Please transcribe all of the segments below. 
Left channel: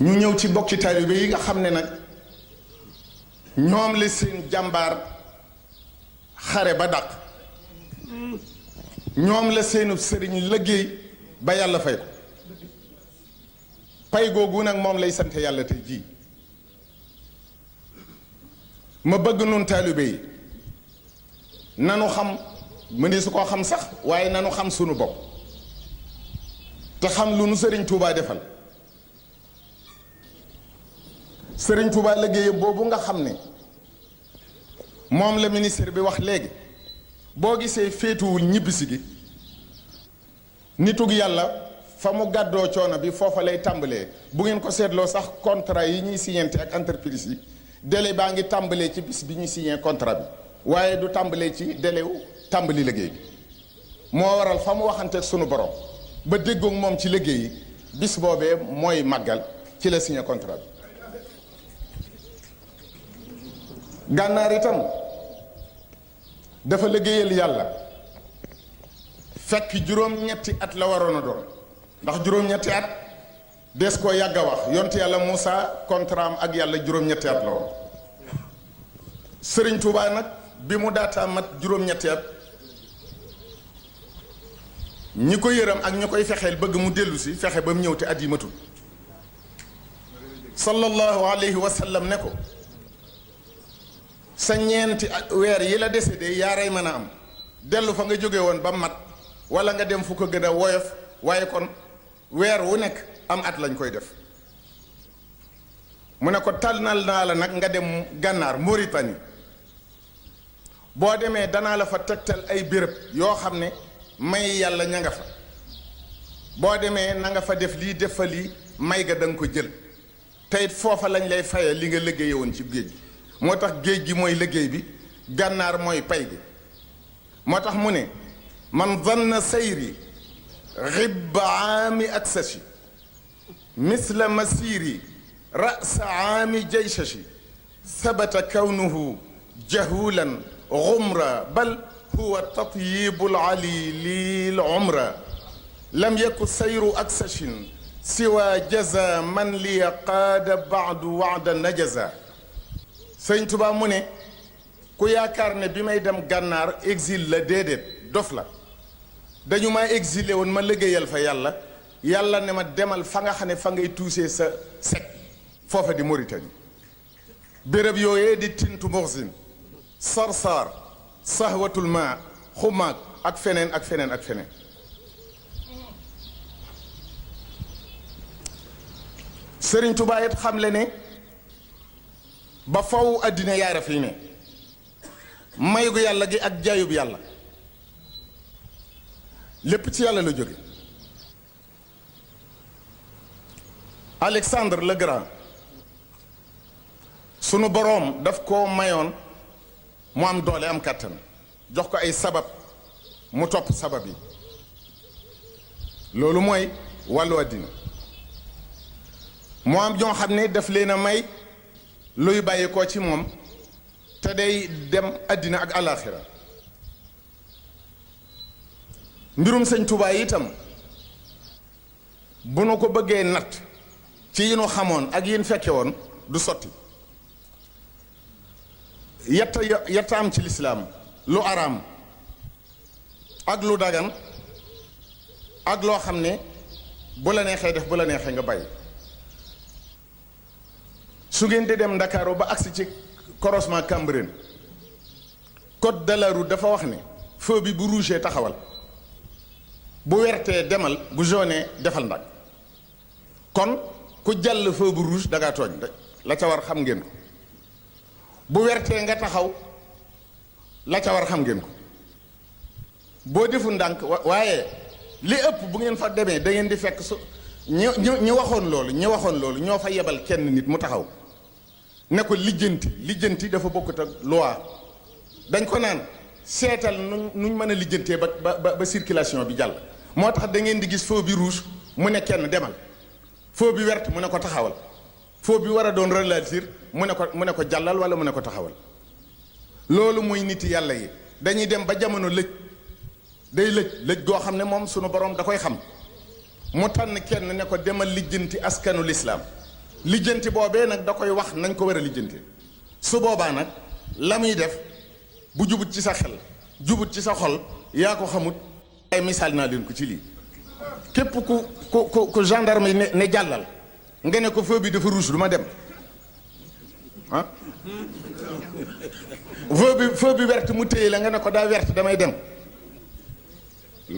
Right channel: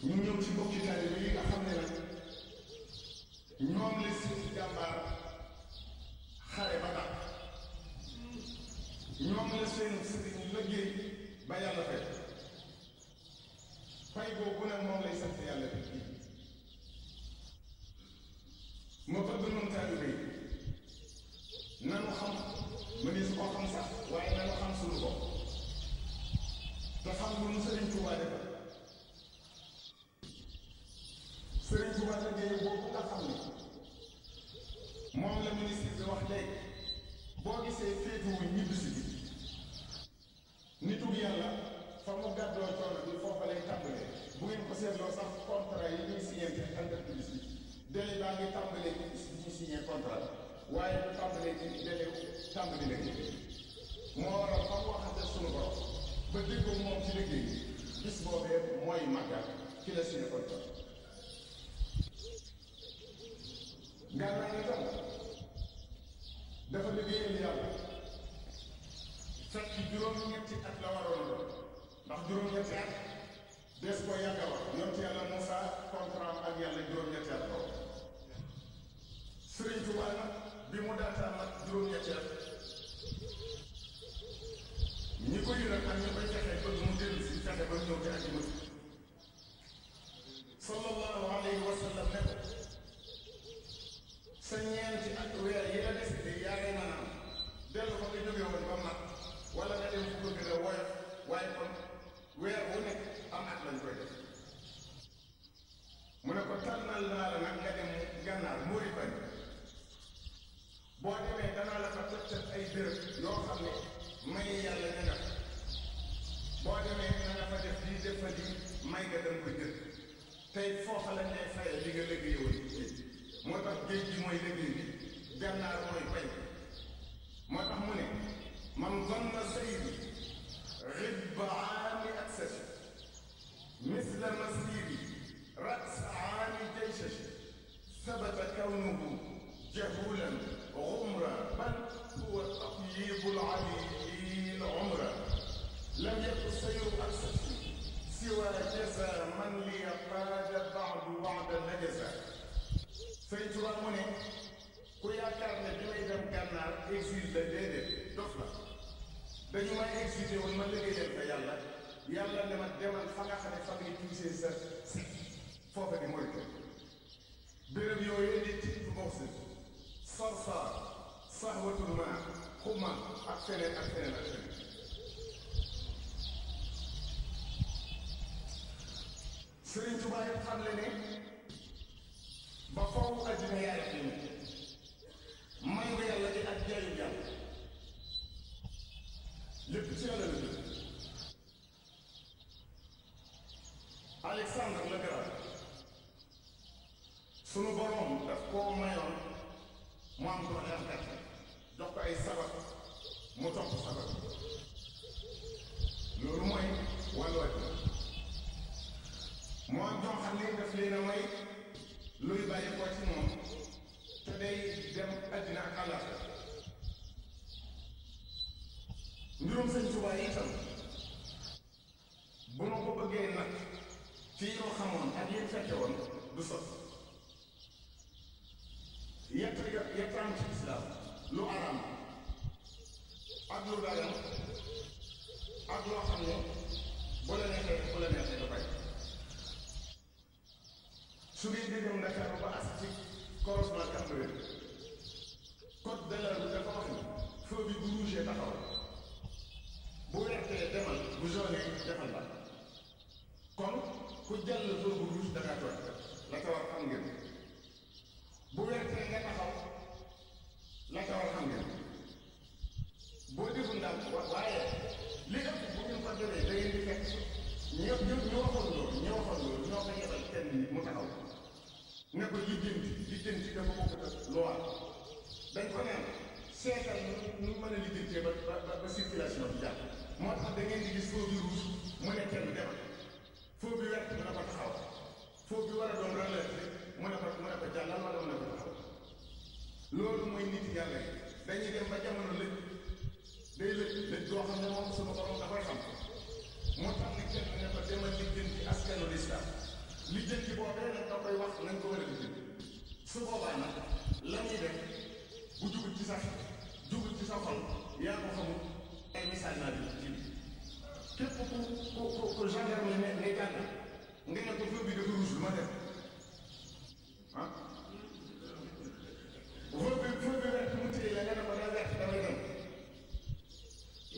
ñu ñëw ci bokki taalibe yi nga xam ne nag ñoom la seen jàmbaar xare ba dàq ñoom la seenu sëriñ liggéey ba yàlla fay ko pay googu nag moom lay sant yàlla tey jii ma bëgg nun taalibe yi nanu xam mëni su ko xam sax waaye nanu xam sunu bopp te xam lu nu sëriñ Touba defal sëriñ Touba liggéey boobu nga xam ne moom la ministre bi wax léegi boo gisee féetuwul ñibbisi gi nitug yàlla fa mu gàddoo coono bi foofa lay tàmbalee bu ngeen ko seetloo sax contrat yi ñuy signante ak entreprise yi délai baa ngi tàmbalee ci bis bi ñuy signé contrat bi waaye du tàmbalee ci délai wu tàmbali liggéey bi moo waral fa mu waxanteeg sunu borom ba déggoog moom ci liggéey yi bis boobee mooy màggal ci la signé contrat bi gànnaar itam dafa liggéeyal yàlla fekk juróom-ñetti at la waroon a doon ndax juróom-ñetti at des koo yàgg a wax yonte yàlla Moussa contrat am ak yàlla juróom-ñetti at la woon Sëriñ Tuubaa nag bi mu daataa mat juróom-ñetti at ñi ko yëram ak ñi koy fexeel bëgg mu dellu si fexe ba mu ñëw te at yi matul sallallahu alayhi wa sallam ne ko sa ñeenti weer yi la décédé yaaray mën a am dellu fa nga jóge woon ba mat wala nga dem fu ko gën a woyof waaye kon weer wu nekk am at lañ koy def mu ne ko tànnal naa la nag nga dem gànnaar Mauritanie boo demee danaa la fa tegtal ay béréb yoo xam ne may yàlla ña nga fa boo demee na nga fa def lii def fa lii may ga da nga ko jël te it foofa lañ lay faye li nga liggéeye woon ci géej gi moo tax géej gi mooy liggéey bi gànnaar mooy pay gi moo tax mu ne man zanna sayri ribba aami aksashi misla masiri rasa aami jaysashi sabata kawnuhu jahulan gumra bal huwa tatyibul ali lil umra lam yaku sayru aksashin siwa jaza man li qaada baadu waada najaza sëñ Tuba mu ne ku yaakaar ne bi may dem gànnaar exil la déedéet dof la dañu ma exilé woon ma liggéeyal fa yàlla yàlla ne ma demal fa nga xam ne fa ngay tuusee sa sec foofa di Mauritanie béréb yooyee di tintu moxsin sarsar sahwatul ma xumaag ak feneen ak feneen ak feneen Sëriñ Tuba it xam le ne ba faw àddina yaara fii ne may gu yàlla gi ak jaayub yàlla lépp ci yàlla la jóge Alexandre le Grand sunu boroom daf koo mayoon mu am doole am kàttan jox ko ay sabab mu topp sabab yi loolu mooy wàllu àddina mu am ñoo xam ne daf leen a may luy bàyyi ko ci moom te day dem àddina ak alaaxira mbirum sëñ Tuubaa itam bu nu ko bëggee natt ci yi nu xamoon ak yin fekke woon du sotti yetta am ci lislaam lu araam ak lu dagan ak loo xam ne bu la neexee def bu la neexee nga bàyyi su ngeen di dem Ndakaaru ba agsi ci croisement Cambérène code de la route dafa wax ne feu bi bu rouge taxawal bu wertee demal bu jaune defal ndag kon ku jàll feu bu rouge da ngaa tooñ rek la ca war xam ngeen ko bu wertee nga taxaw la ca war xam ngeen ko boo defu ndànk waaye li ëpp bu ngeen fa demee da ngeen di fekk su ñi waxoon loolu ñoo fa yebal kenn nit mu taxaw ne ko lijjanti dafa bokkut ak loi dañ ko naan seetal nuñ mën a lijjantee ba circulation bi jàll moo tax da ngeen di gis feu bi rouge mu ne kenn demal feu bi vert mu ne ko taxawal feu bi war a doon ralentir mu ne ko jàllal wala mu ne ko taxawal loolu mooy nit yàlla yi dañuy dem ba jamono day lëj goo xam ne moom sunu borom da koy xam mu tànn kenn ne ko demal lijjanti askanu lislaam lijjanti boobee nag da koy wax nañ ko war a lijjantee su boobaa nag la muy def bu jubut ci sa xel jubut ci sa xol yaa ko xamut ay misaal naa leen ko ci lii képp ku gendarme yi ne jàllal nga ne ko feu bi dafa rouge du ma dem ah feu bi verte mu téye la nga ne ko daa verte damay dem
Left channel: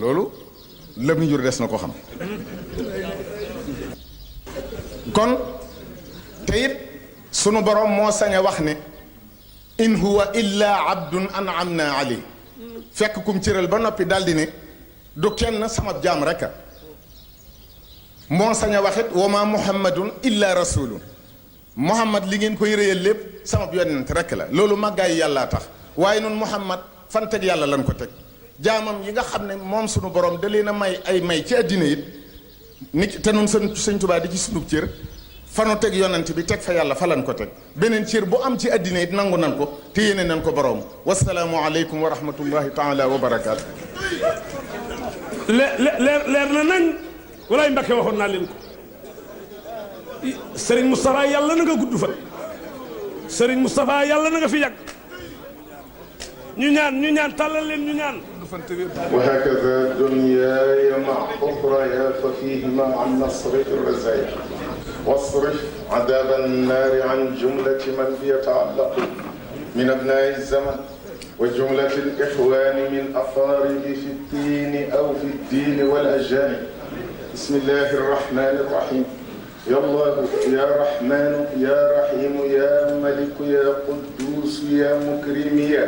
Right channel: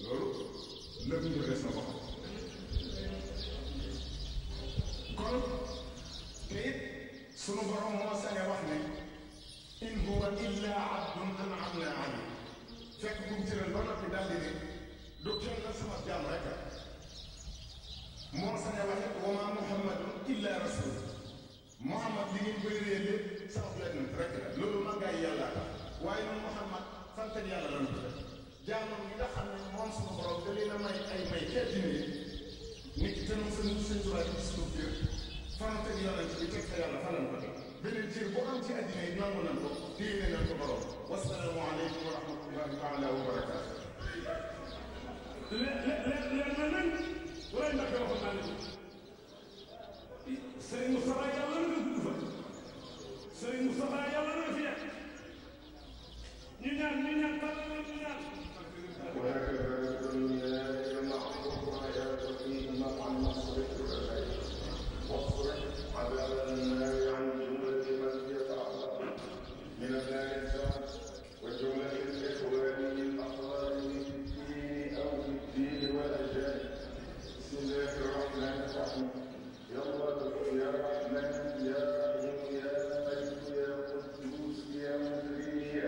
loolu la mu jur des na ko xam kon te it sunu borom moo sañ a wax ne in huwa illa abdun an'amna alayhi fekk kum cëral ba noppi daldi ne du kenn sama jaam rek a moo sañ a waxit wa ma muhammadun illa rasulun muhammad li ngeen koy réyal lépp sama yonent rek la loolu màggaay yàllaa tax waaye noonu muhammad fan teg yàlla lan ko teg jaamam yi nga xam ne moom sunu borom da leen a may ay may ci àddina it nit te nun sëñ Tuubaa di ci sunub cër fanu teg yonent bi teg fa yàlla fa lan ko teg beneen cër bu am ci àddina it nangu nan ko te yéene nan ko borom wasalaamu aleykum wa rahmatullahi taala wa barakaatu. leer na nañ walaay Mbàkke waxoon naa leen ko Serigne Moustapha yàlla na nga gudd fa Serigne Moustapha yàlla na nga fi yàgg ñu ñaan tàllal leen ñu ñaan. وهكذا دنياي مع أخرى ففيهما عن نصرف الرزايا واصرف عذاب النار عن جملة من يتعلق من أبناء الزمن وجملة الإخوان من أقارب في الدين أو في الدين والأجانب. بسم الله الرحمن الرحيم. يا الله يا رحمن يا رحيم يا ملك يا قدوس يا مكرم يا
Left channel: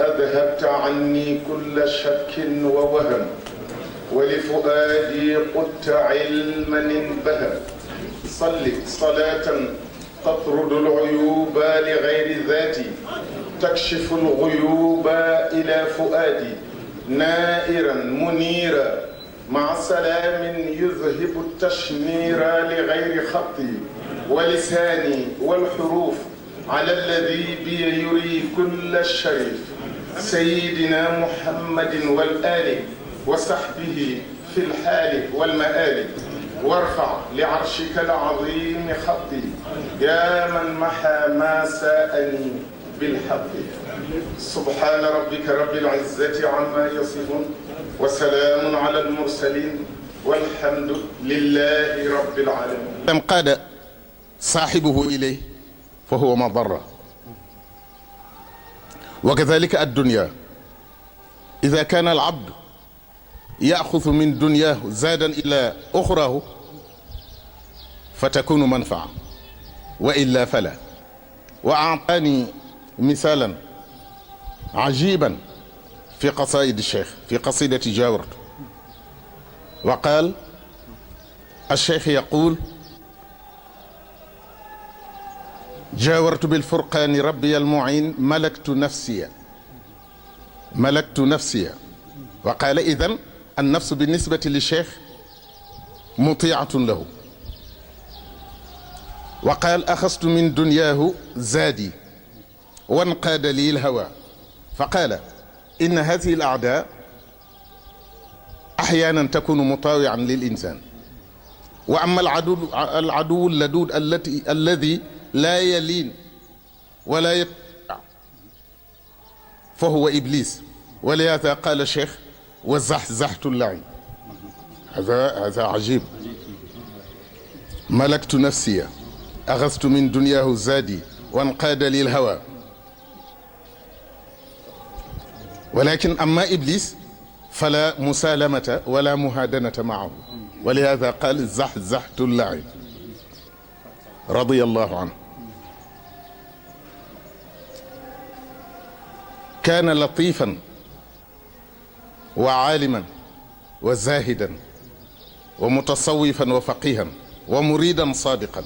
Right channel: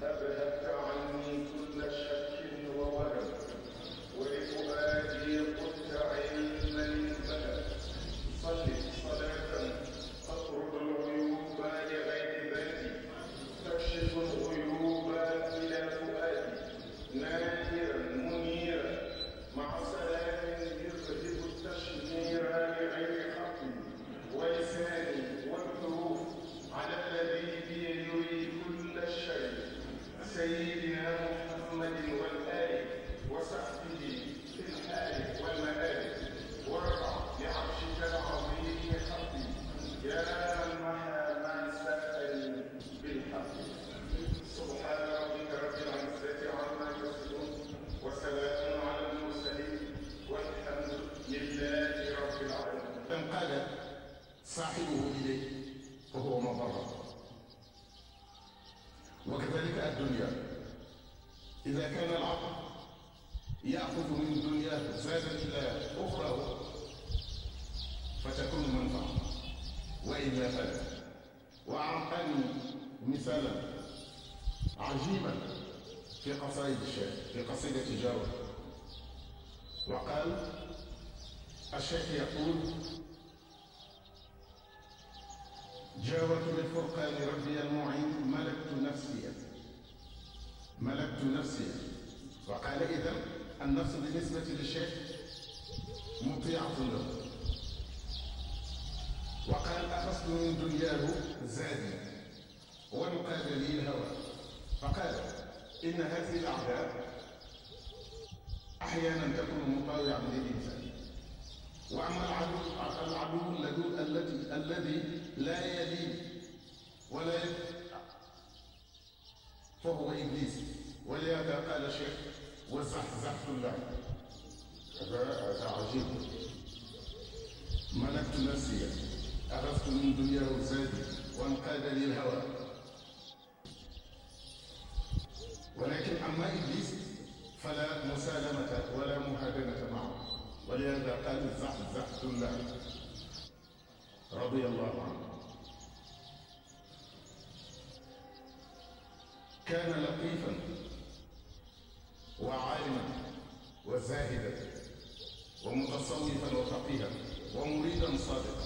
أذهبت عني كل شك ووهم ولفؤادي قدت علما انبهم. صل صلاة تطرد العيوب لغير ذاتي تكشف الغيوب إلى فؤادي نائرا منيرا مع سلام يذهب التشمير لغير خطي ولساني والحروف على الذي بي يري كل الشريف سيدنا محمد والآل وصحبه في الحال والمآل وارفع لعرشك العظيم خطي يا من محى ما ساءني بالحق. سبحان ربك رب العزة عما يصفون وسلام على المرسلين والحمد لله رب العالمين. قاد صاحبه إليه فهو مضرة وكذلك الدنيا إذا كان العبد يأخذ من دنياه زادا إلى أخراه فتكون منفعة وإلا فلا. وأعطاني مثالا عجيبا في قصائد الشيخ في قصيدة جاورت وقال الشيخ يقول جاورت بالفرقان ربي المعين ملكت نفسي وقال إذن النفس بالنسبة للشيخ مطيعة له. وقال أخذت من دنياه زادي وانقاد لي الهوى فقال إن هذه الأعداء أحيانا تكون مطاوعا للإنسان وأما العدو اللدود الذي لا يلين ولا يطيع فهو إبليس. ولهذا قال الشيخ وزحزحت اللعين. هذا عجيب. ملكت نفسي أخذت من دنياه زادي وانقاد لي الهوى. ولكن أما إبليس فلا مسالمة ولا مهادنة معه ولهذا قال زحزحت اللعين رضي الله عنه. كان لطيفا وعالما وزاهدا ومتصوفا وفقيها ومريدا صادقا.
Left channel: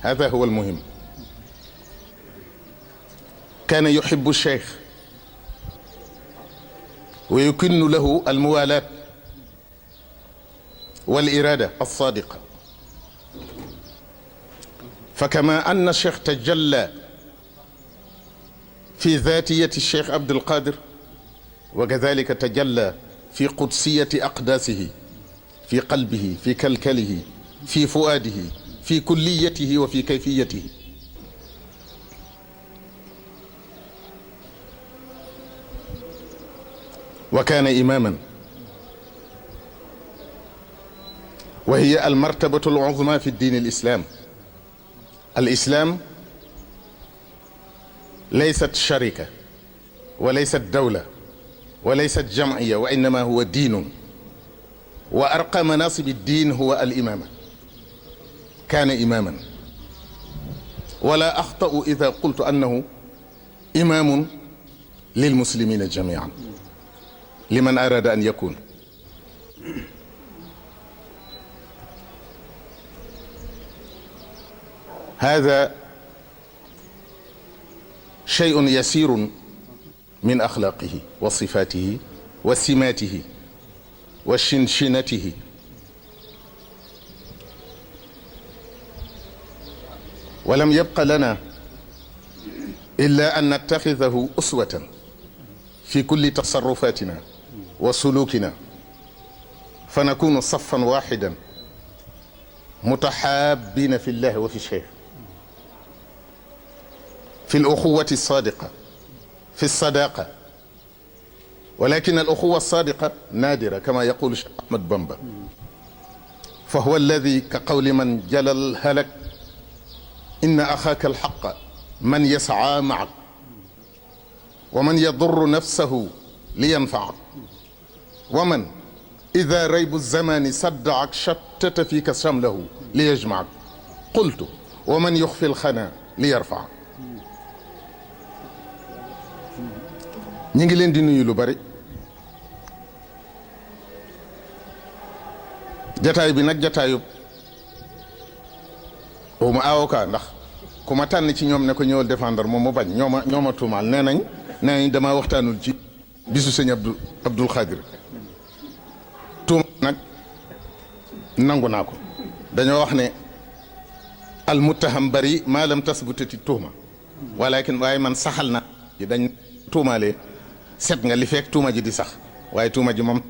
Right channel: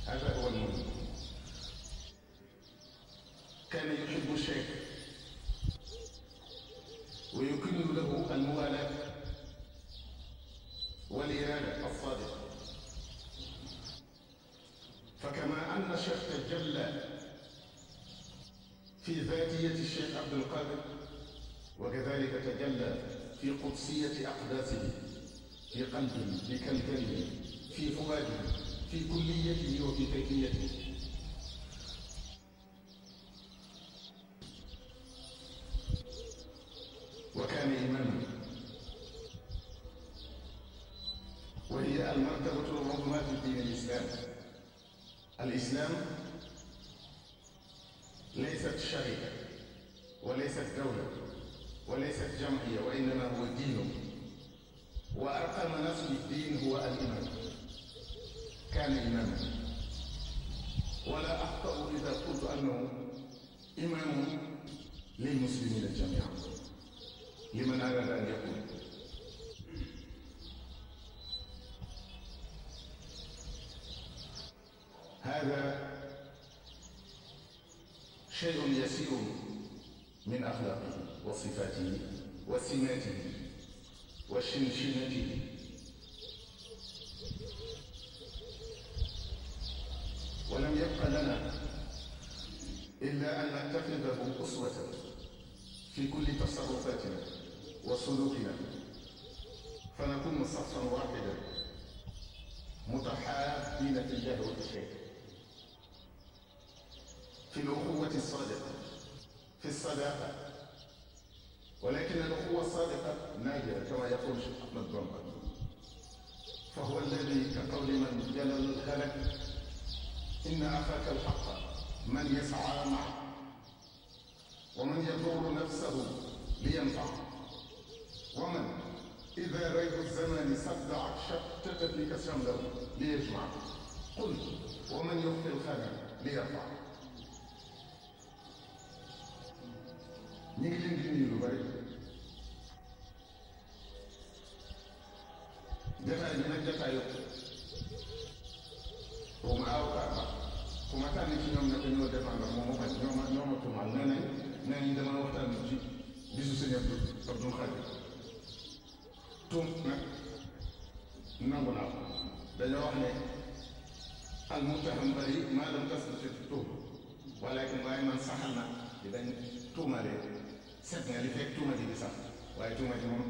هذا هو المهم. كان يحب الشيخ ويكن له الموالاة والإرادة الصادقة. فكما أن الشيخ تجلى في ذاتية الشيخ عبد القادر وكذلك تجلى في قدسية أقداسه في قلبه في كلكله في فؤاده في كليته وفي كيفيته. وكان إماما، وهي المرتبة العظمى في الدين الإسلام. الإسلام ليست شركة وليست دولة وليست جمعية، وإنما هو دين، وأرقى مناصب الدين هو الإمامة. كان إماما، ولا أخطأ إذا قلت أنه إمام للمسلمين جميعا لمن أراد أن يكون. هذا شيء يسير من أخلاقه وصفاته وسماته وشنشنته. ولم يبق لنا إلا أن نتخذه أسوة في كل تصرفاتنا وسلوكنا، فنكون صفا واحدا متحابين في الله وفي الشيخ، في الأخوة الصادقة، في الصداقة. ولكن الأخوة الصادقة نادرة كما يقول الشيخ أحمد بامبا، فهو الذي كقول من جل الهلك إن أخاك الحق من يسعى معك ومن يضر نفسه لينفعك، ومن إذا ريب الزمان صدعك شتت فيك شمله ليجمعك، قلت ومن يخفي الخنا ليرفعك. ñi ngi leen di nuyu lu bari. jataay bi nag jataayu ma avocat, ndax ku ma tànn ci ñoom ne ko ñëwal défendre moom mu bañ. ñoo ma tuumaal nee nañ damaa waxtaanul ci bisu sëñ Abdul Xaadir. tuuma nag nangu naa ko. dañoo wax ne al muttaham bari maa lam tasbutati tuuma, walakin waaye man saxal naa ji dañ tuumaalee set nga li fekk tuuma ji di sax, waaye tuuma ji moom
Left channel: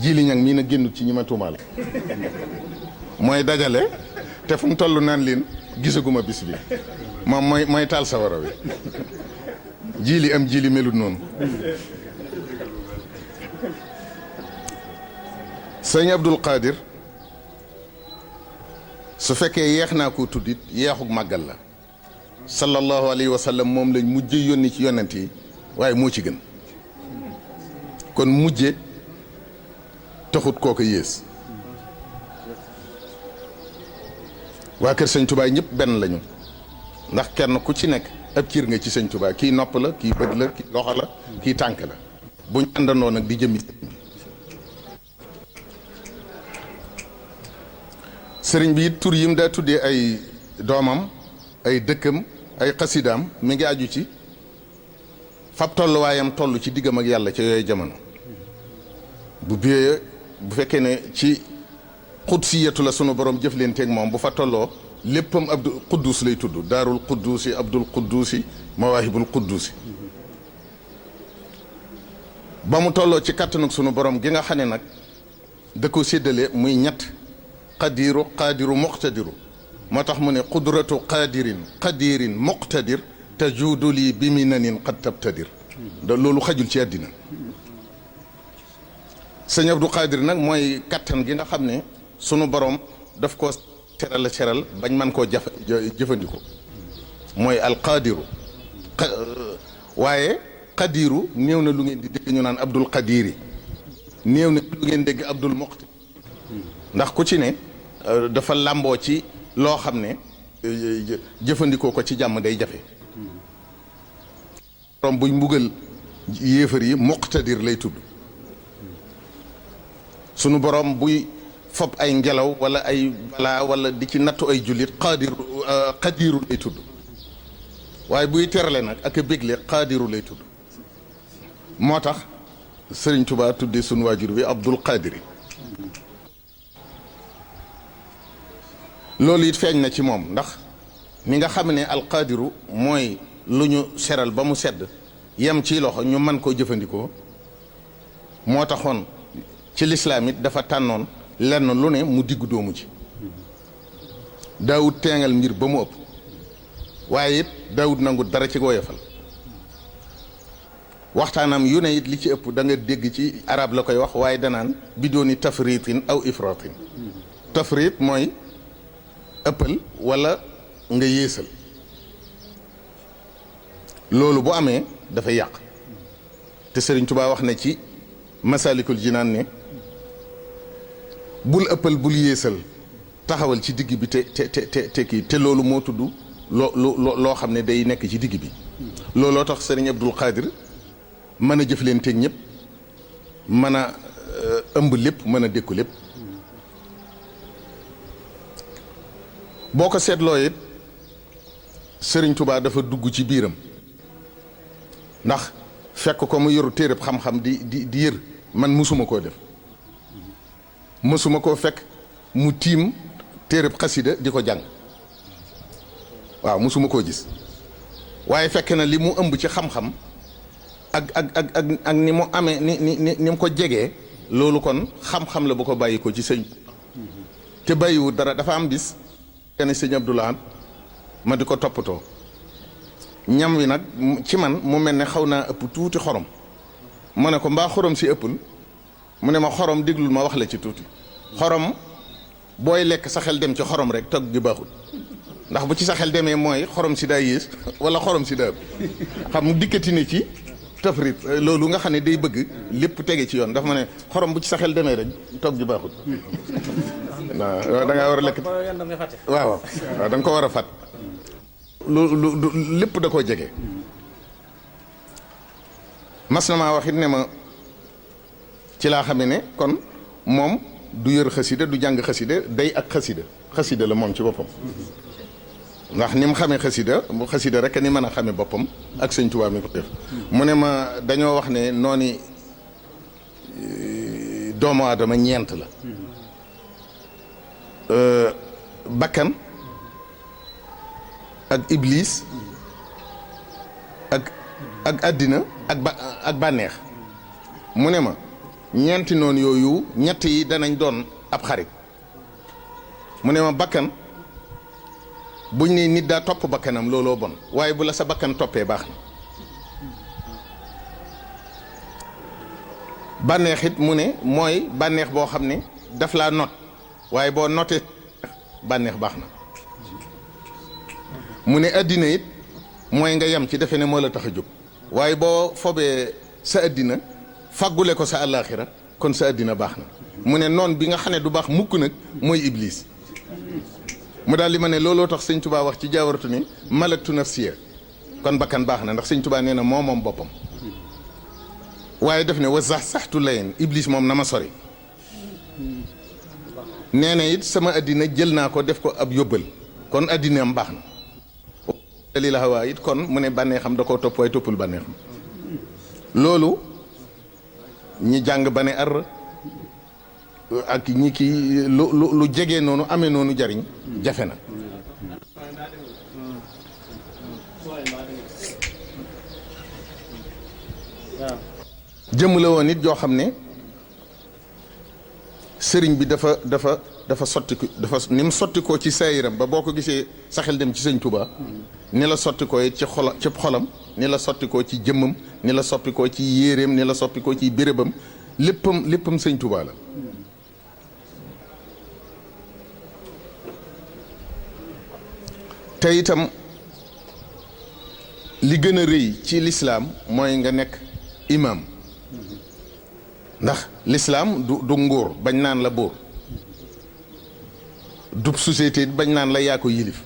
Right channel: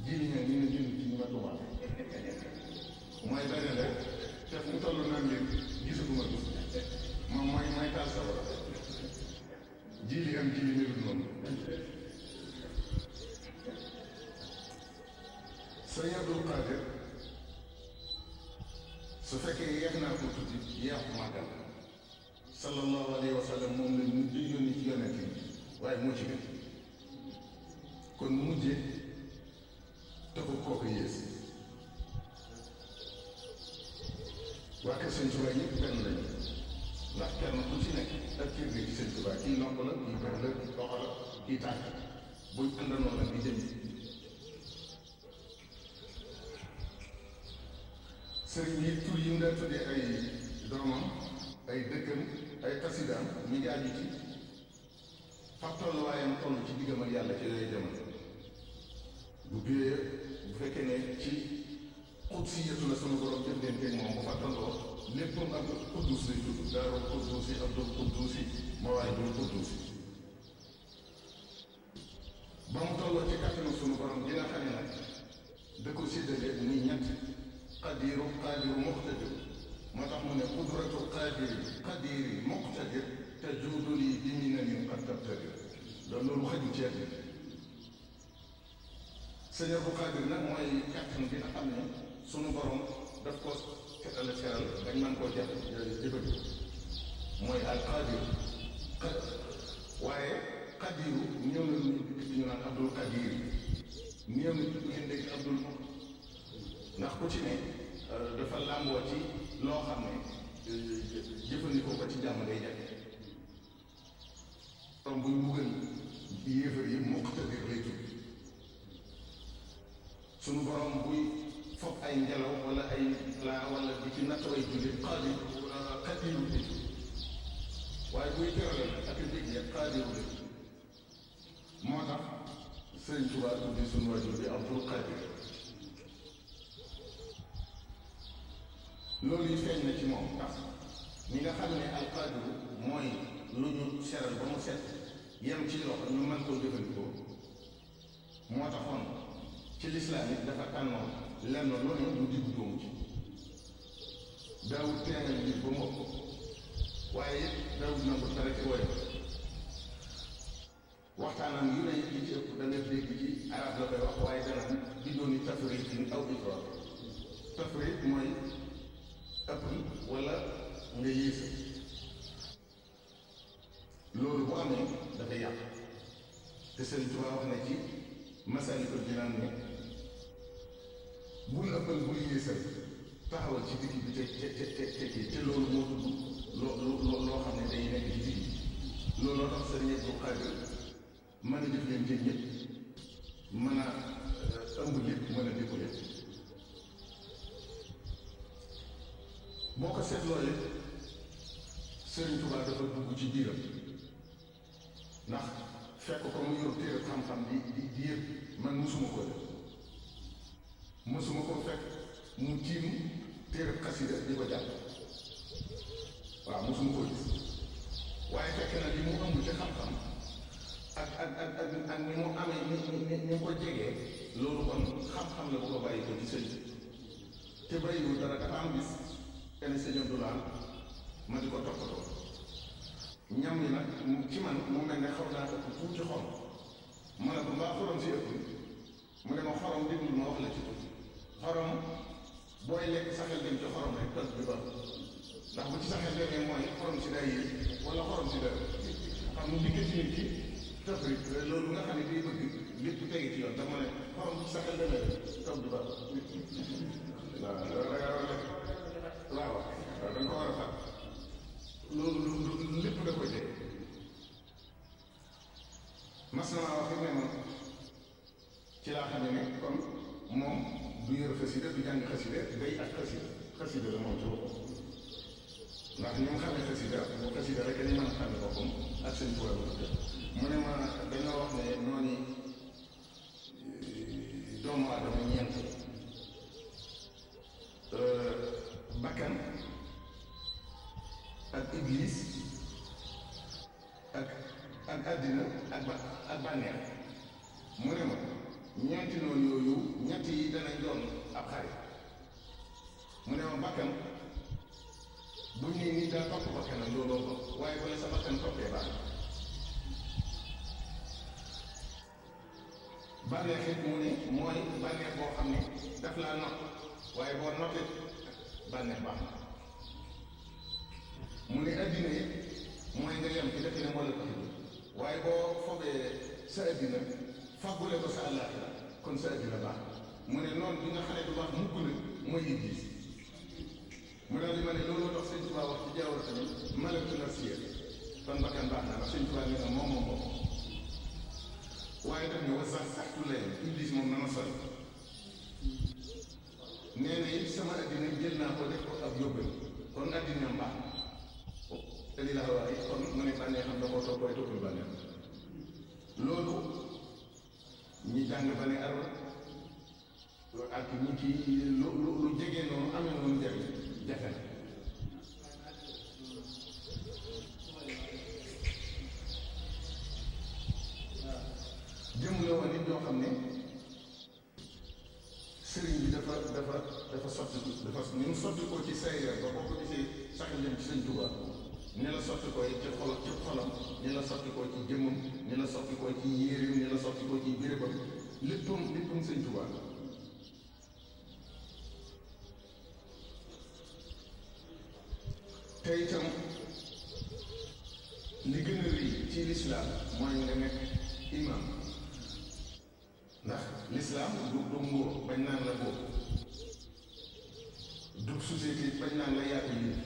jili ñang mii na génnul ci ñi ma tuumaale. mooy dajale te fu mu toll naan leen gisaguma bis bi, moom mooy taal sawara wi. jili am jili melut noonu. sëñ Abdul Qadir su fekkee yeex naa ko tuddit yeexug màggal la. sallallahu alayhi wa sallam moom lañ mujje yónni ci yonent yi, waaye moo ci gën. kon mujje taxut kooku yées. waa kër sëñ Tuubaa ñëpp benn lañu, ndax kenn ku ci nekk ab ciir nga ci sëñ Tuubaa. kii nopp la, kii bët la, kii loxo la, kii tànk la. buñ àndandoo nag di jëmmi sëriñ bi it tur yim daa tuddee ay doomam, ay dëkkam, ay xasidaam mi ngi aju ci fab tolluwaayam toll ci diggam ak yàlla ca yooyu jamono. bu fekkee ne ci xudsiyatu la sunu borom jëflanteeg moom, bu fa tolloo léppam Abdul Quddus lay tudd. daarul Quddusi, Abdul Quddusi, Mawaahibul Quddusi. ba mu tolloo ci kattanug sunu borom gi nga xam ne nag da ko séddale muy ñett: qadiru, qaadiru, muqtadiru. moo tax mu ne qudratu qadirin muqtadir tajuudu lii bi minanin qad tabtadir. loolu xajul ci àddina. sëñ Abdou Qadir nag mooy kattan gi nga xam ne sunu borom daf ko seral bañ man koo jëfandikoo. mooy alqadiru. waaye qadiru néew na lu ngeen di dégg ñu naan Abdul Qadiri, néew na lu ngeen dégg Abdul Muqtadir. ndax ku ci ne dafa làmboo ci loo xam ne jëfandikoo ko ci jàmm day jafe. borom buy mbugal yéefar yi muqtadir lay tudd. sunu borom buy fob ay ngelaw wala ay balaa wala di ci nattu ay jullit qadiru lay tudd. waaye buy terale nag ak a bégle qadiru lay tudd. moo tax Sëriñ Tuubaa tuddee sunu waajur wi Abdul Qadiri. loolu it feeñ na ci moom, ndax mi nga xam ne alqadiru mooy lu ñu seral ba mu sedd yem ci loxo ñu mën koo jëfandikoo. moo taxoon ci lislaam it dafa tànnoon lenn lu ne mu diggu doomu ci. daawut teengal mbir ba mu ëpp waaye it daawut nangu dara ci woyofal waxtaanam yu ne it li ci ëpp da nga dégg ci arab la koy wax waaye danaan bi dooni tafritin aw ifratin tafrit mooy ëppal wala nga yéesal loolu bu amee dafay yàq te Sëriñ Tuubaa wax na ci Masaalikul Jinaan ne bul ëppal bul yéesal taxawal ci digg bi te kii te loolu moo tudd loo xam ne day nekk ci digg bi looloo tax Sëriñ Abdul Xaadir mën a jëflanteeg ñëpp mën a ëmb lépp mën a dékku lépp boo ko seetloo it Sëriñ Tuubaa dafa dugg ci biiram ndax fekk ko mu yoru téereb xam-xam di yër man musuma koo def musuma koo fekk mu tiim téereb xasida di ko jàng waaw musuma koo gis waaye fekk na li mu ëmb ci xam-xam ak ni mu amee ni mu ko jegee loolu kon xam-xam la bu ko bàyyi ko ci sëñ te bàyyiwu dara dafa am bis kenn sëñ Abdoulahan ma di ko toppatoo ñam wi nag ci man mu mel ne xaw naa ëpp tuuti xorom ma ne ko mbaa xorom si ëppul mu ne ma xorom déglul ma wax la ci tuuti xorom booy lekk sa xel dem ci xorom rek togg gi baaxul ndax bu ci sa xel demee mooy xorom si daa yées wala xorom si daa ëpp xam mu dikkati ne ci tafrit loolu nga xam ne day bëgg lépp tege ci yoon dafa ma ne xorom bu ci sa xel demee rek togg gi baaxul waaw da ngaa war a lekk waaw da nga ko war a fàtt lu lépp da koo jege mas na maa wax it ne ma ci laa xamee ne kon moom du yër xasida du jàng xasida day ak xasida la moom ci boppam ndax ni mu xamee xasida bu xasida rek ni mën a xamee boppam ak sëñ Tuubaa mi ko def mu ne ma dañoo wax ne noonu doomu aadama ñeent la bakkan ak iblis ak àddina ak bànneex mu ne ma ñeenti noonu yooyu ñett yi danañ doon ab xarit mu ne ma bakkan buñ ne nit daa topp bakkanam looloo bon waaye bu la sa bakkan toppee baax na bànneex it mu ne mooy bànneex boo xam ne daf laa not waaye boo notee bànneex baax na mu ne àddina it mooy nga yem ci defe ne moo la tax a jóg waaye boo fobee sa àddina faggule ko sa àllaaxira kon sa àddina baax na mu ne noon bi nga xam ne du baax mukk nag mooy iblis mu daal di ma ne looloo tax sëñ Tuubaa wax ci jaawartu ni malaktu nafsiya kon bakkan baax na ndax sëñ Tuubaa nee na moom boppam waaye def ne wa saxtu layen iblis moom na ma sori nee na it sama àddina jël naa ko def ko ab yóbbal kon àddinaam baax na li la xawaa it kon mu ne bànneexam da koo topp waaye toppul bànneexam loolu ñi jàng ba ne ar ak ñi kii lu jege noonu amee noonu jariñ jafe na jëmm la woon it joo xam ne sëriñ bi dafa sotti dafa ni mu sotti ko ci saayiram ba boo ko gisee sa xel dem ci sëñ Touba ni la sotti ko ci xolam ni la sotti ko ci jëmmam ni la soppi ko ci yéeréem ni la soppi ko ci bérébam léppam sëñ Touba la te itam li gën a rëy ci lislaam mooy nga nekk imam ndax lislaam du nguur bañ naan la buur du société it bañ naan la yaa ko yilif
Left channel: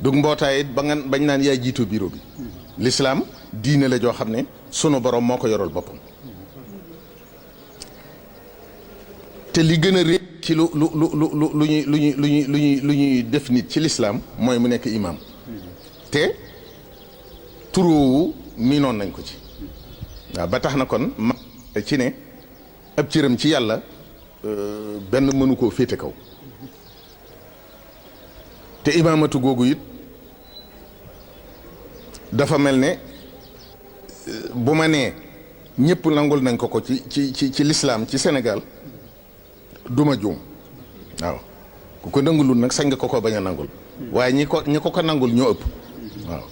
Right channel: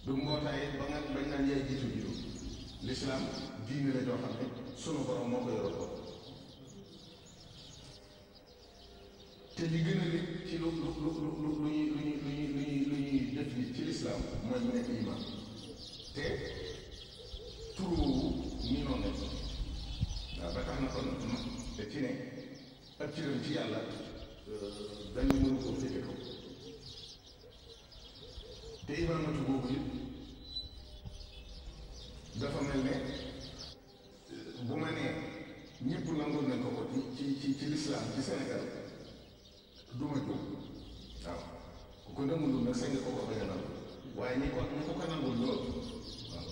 du mbootaay it bañ naan yaa jiitu bureau bi lislaam diine la joo xam ne sunu borom moo ko yoral boppam te li gën a rëy ci lu ñuy def nit ci lislaam mooy mu nekk imam te turoowu miinoon nañ ko ci waaw ba tax na kon ma ci ne ab cëram ci yàlla benn mënu koo féete kaw te imaamatu googu it dafa mel ne bu ma nee ñëpp nangul nañ ko ci lislaam ci Sénégal duma juum waaw ku ko nangulul nag sañ nga ko bañ a nangul waaye ñi ko nangul ñoo ëpp waaw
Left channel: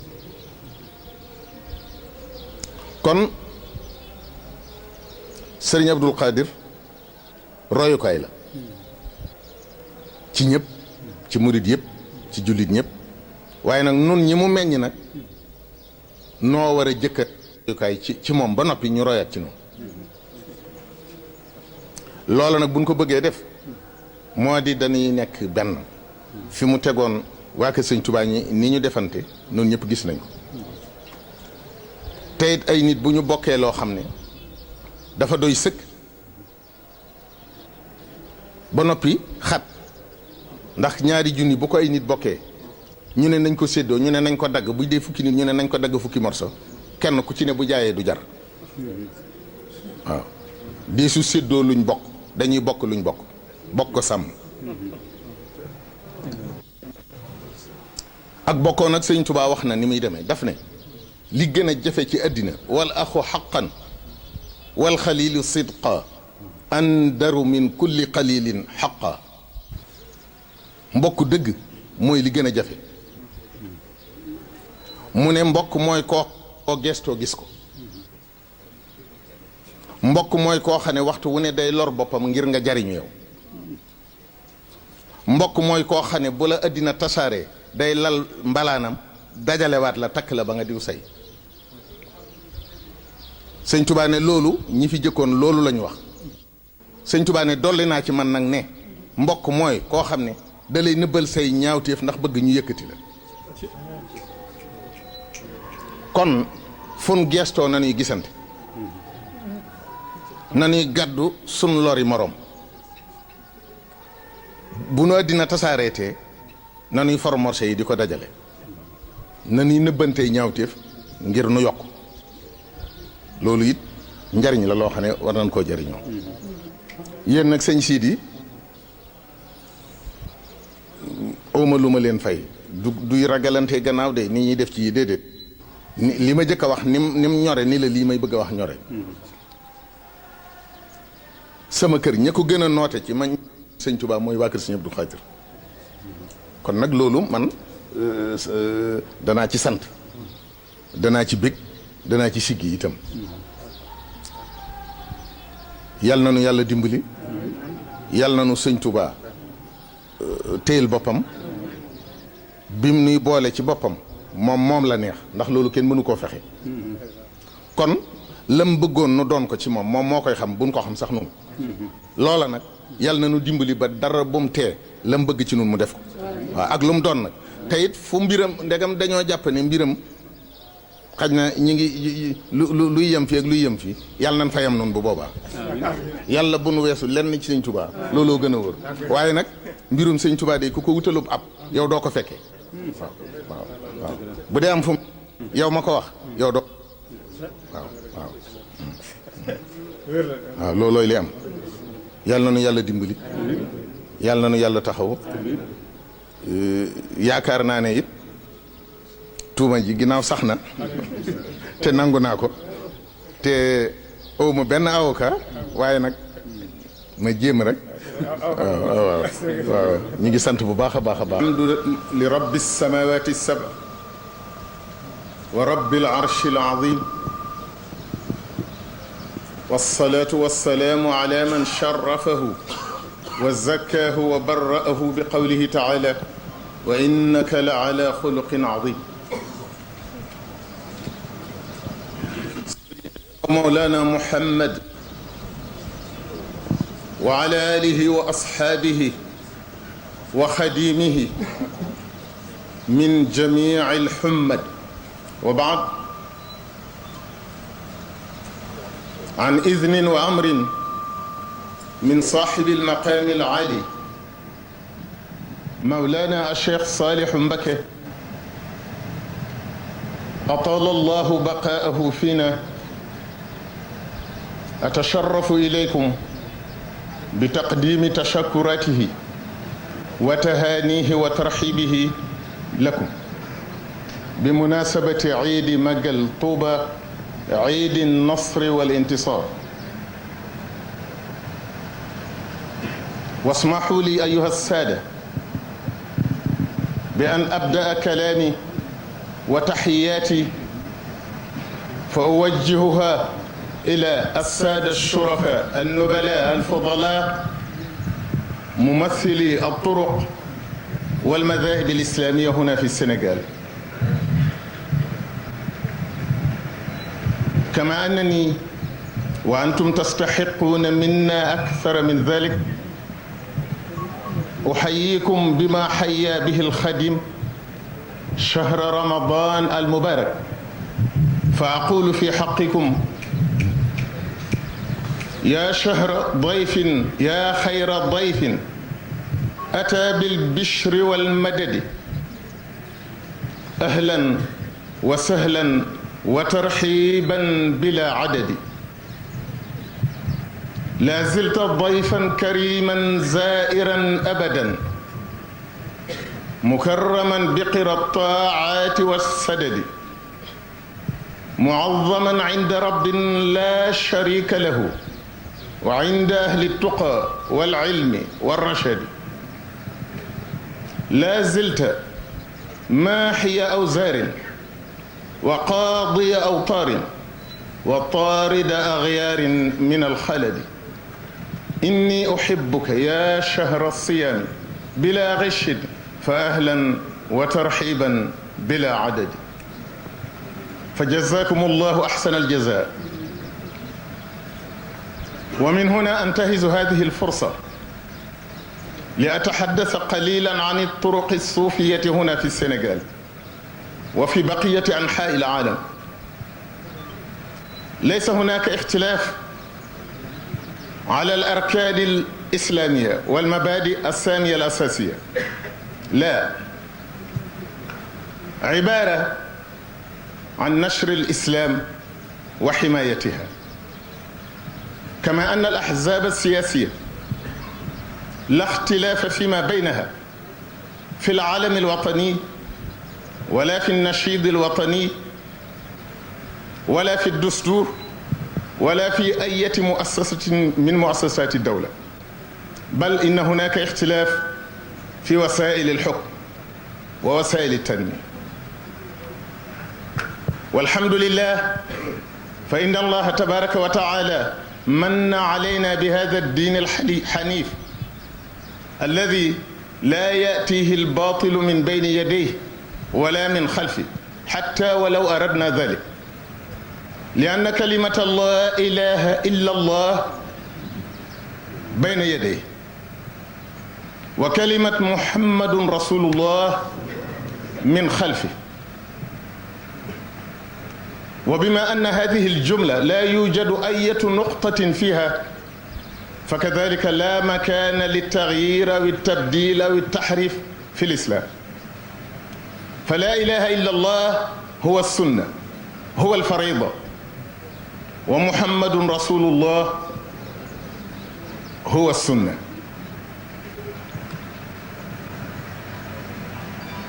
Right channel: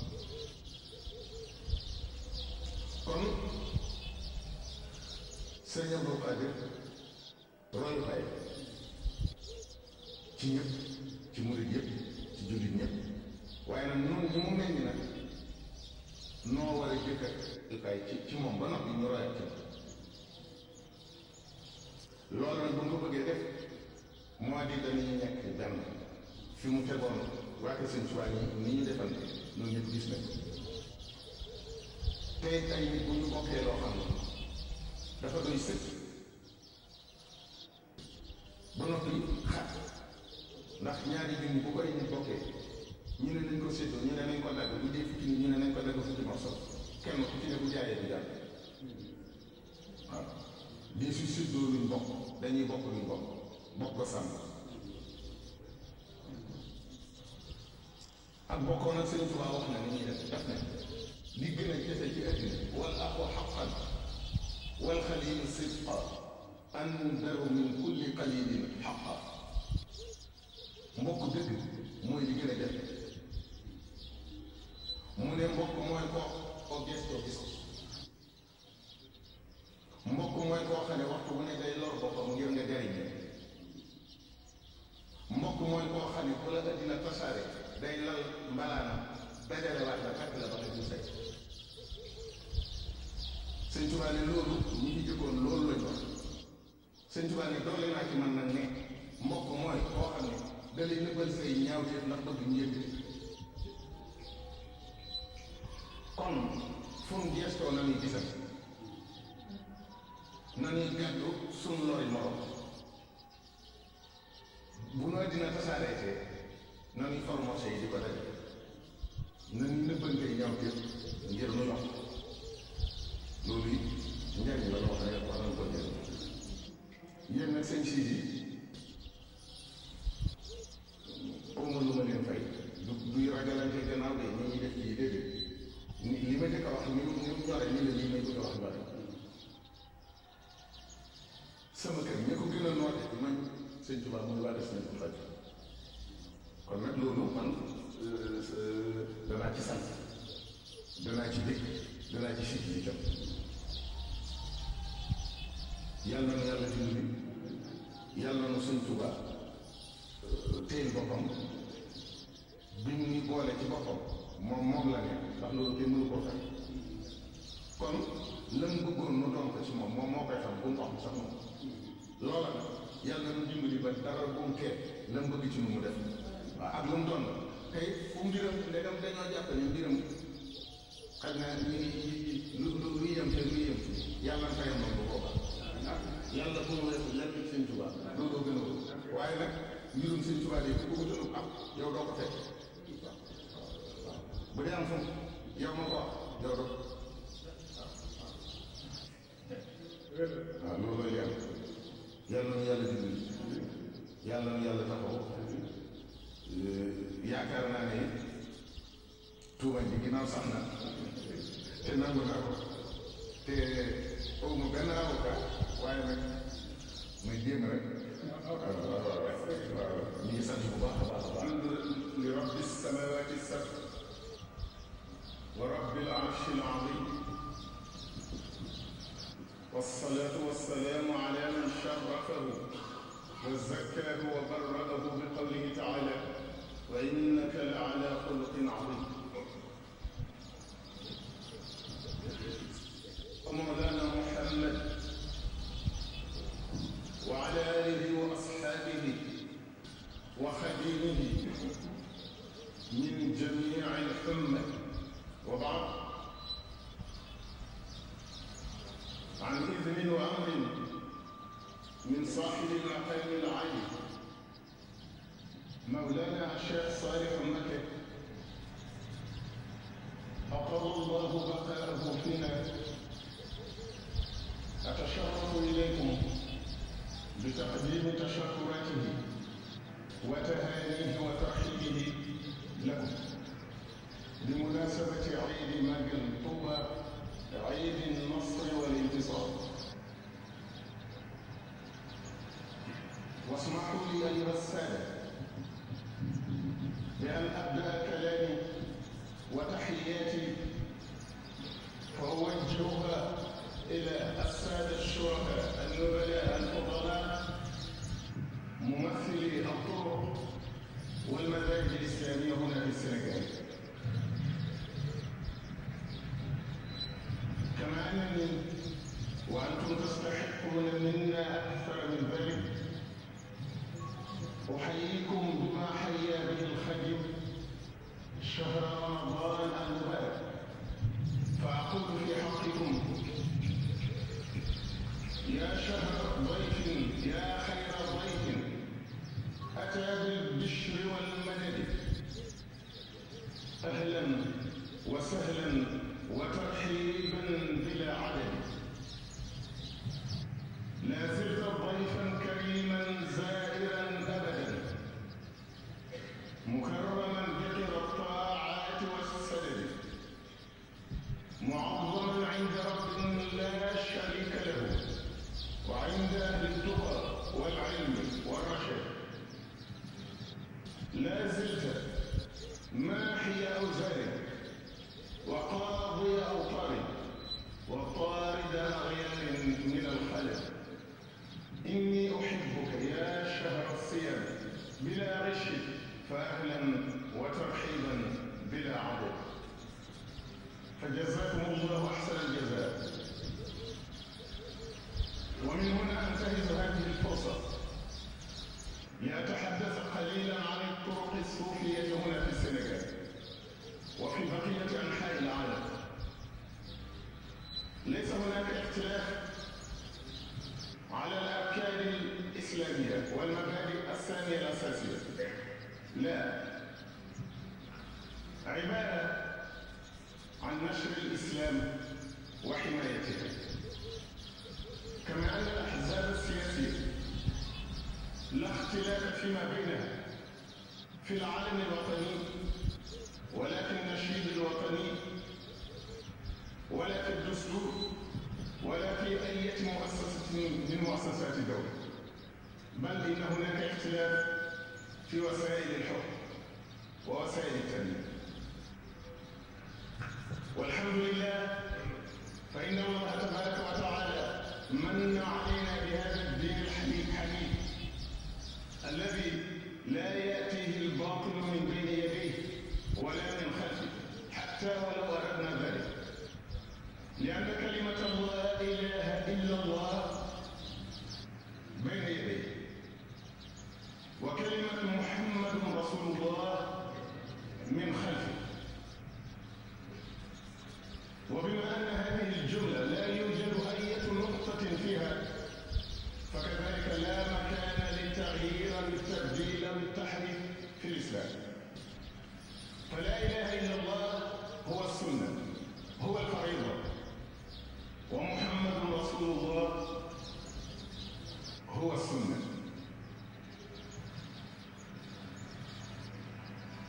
kon sëriñ Abdul Qadir royukaay la ci ñëpp ci murid yëpp ci jullit ñëpp waaye nag nun ñi mu meññ nag noo war a jëkka royukaay ci moom ba noppi ñu royaat ci noonu loola nag buñ ko bëggee def moo di dañuy nekk benn fi mu tegoon waa kër sëñ Tuubaa ñi ni ñu defante noonu ñëpp gis nañ ko te it ay nit bu ñu bokkee loo xam ne dafa doy sëkk ba noppi xat ndax ñaari junni bu ko ay nit bokkee ñu ne nañ ko séddoo ñu ne nañ ko dagg bu dee fukki nit ñu ne nañ ko dagg fukki morso kenn ku ci ne bu jaayee du jar waaw dee su séddoo luñ bokk dañuy bokk luñ bokk ko sàmm ak bokkoo nag sëñ Tuubaa wax na ni muy demee daf ne li gën a jafe ci àddina wal axu xaqan wal xalilu sidqa andaru min kulli qalilin xaqa mbokk dëgg mooy li gën a jafe mu ne mbokk mooy koo gestoo gis ko mbokk mooy koo xam ne waxtu wu ne day lor boppam ngir nga jariñu yow mbokk mooy koo xam ne bu la àddina tasaaree day lal mbalaanam dajalewaat la takk la ba nga diw say sëñ Tuubaa ne loolu ñi fi jëkkoon loolu lañu wax sëñ Tuubaa ne dolli naa ci man nag ne mbokk mooy koo xam ne da lay nëbbal say ñaawteef ndax bëgg ñu yëkkati la kon fun geestoo nañuy gisante nañuy gàddu sun lori morom bu nu àddina tasaareetee nañuy formorse yi di ko dajale nañuy nëbbantey ñaawteef ngir nu yokk loolu it njariñ la loo xam ne war nañ koo jariñoo yéen nag sëñ Sidi awma lu ma leen fay duy ragalante gannaaw de ni ñuy def ci yi déedéet li ma jëkk a wax nim ñore ni la lii may bëgg a wax ñore sama kër ña ko gën a noote ci man sëñ Tuubaa mooy waa kër sëñ Abdou Khadir kon nag loolu man danaa ci sant danaa ci bég danaa ci siggi itam yal na nu yàlla dimbali yal na nu sëñ Tuubaa téyel boppam bim nuy boole ci boppam moom la neex ndax loolu kenn mënu koo fexe kon lam bëggoon nu doon ko ci moom moo koy xam buñ ko xam sax noonu loola nag yal na nu dimbali ba dara bu mu tee lam bëgg ci nun mu def ko waaw ak lu mu doon nag te it fu mbiram ndegam dañoo jàpp ne mbiram xaj na ñi ngi luy yem fii ak luy yem fii yàlla nañ fa yem noonu bu boobaa yàlla bu nu weesu lenn ci sëñ Tuubaa looloo gën a wóor waaye nag mbirum sëñ Tuubaa de ku ko wutalub ab yow doo ko fekkee waaw bu dee am fu yow ma ko wax yow doo waaw loolooy li am yàlla na nu yàlla dimbali yàlla na nu yàlla taxaw yaakaar naa ne it tuuma ji ginnaaw sax na te nangu naa ko te awma benn avocat waaye nag ma jéem rek waaw ñu ngi sant bu baax a baax a baax li rabbi samawati sab wa rabbil arshi al azim wassalatu wassalamu ala man sharrafahu wa zakkahu wa barra'ahu bi qawlihi ta'ala wa innaka la ala xuluqin azim مولانا محمد وعلى آله وأصحابه وخديمه من جميع الحمد وبعد عن إذن وأمر من صاحب المقام العالي مولانا الشيخ صالح مبكي أطال الله بقاءه فينا أتشرف إليكم بتقديم تشكراته وتهانيه وترحيبه لكم بمناسبة عيد مجل طوبى عيد النصر والانتصار. واسمحوا لي أيها السادة بأن أبدأ كلامي وتحياتي فأوجهها إلى السادة الشرفاء النبلاء الفضلاء ممثلي الطرق والمذاهب الإسلامية هنا في السنغال، كما أنني وأنتم تستحقون منا أكثر من ذلك أحييكم بما حيا به الخادم شهر رمضان المبارك، فأقول في حقكم يا شهر ضيف يا خير ضيف أتى بالبشر والمدد، أهلا وسهلا وترحيبا بلا عدد. لا زلت ضيفا كريما زائرا أبدا مكرما بقرى الطاعات والسدد، معظما عند رب لا شريك له وعند أهل التقى والعلم والرشد. لا زلت ماحي أوزار وقاضي أوطار وطارد أغيار من الخلد. إني أحبك يا شهر الصيام بلا غش، فأهلا وترحيبا بلا عدد. فجزاكم الله أحسن الجزاء. ومن هنا أنتهز هذه الفرصة لأتحدث قليلا عن الطرق الصوفية هنا في السنغال وفي بقية أنحاء العالم. ليس هناك اختلاف على الأركان الإسلامية والمبادئ السامية الأساسية، لا، عبارة عن نشر الإسلام وحمايتها، كما أن الأحزاب السياسية لا اختلاف فيما بينها في العالم الوطني ولا في النشيد الوطني ولا في الدستور ولا في أي مؤسسة من مؤسسات الدولة، بل إن هناك اختلاف في وسائل الحكم ووسائل التنمية. والحمد لله، فإن الله تبارك وتعالى من علينا بهذا الدين الحنيف الذي لا يأتيه الباطل من بين يديه ولا من خلفه حتى ولو أردنا ذلك، لأن كلمة لا إله إلا الله بين يديه، وكلمة محمد رسول الله من خلفه. وبما أن هذه الجملة لا يوجد أي نقطة فيها، فكذلك لا مكان للتغيير أو التبديل أو التحريف في الإسلام. فلا إله إلا الله هو السنة، هو الفريضة، ومحمد رسول الله هو السنة.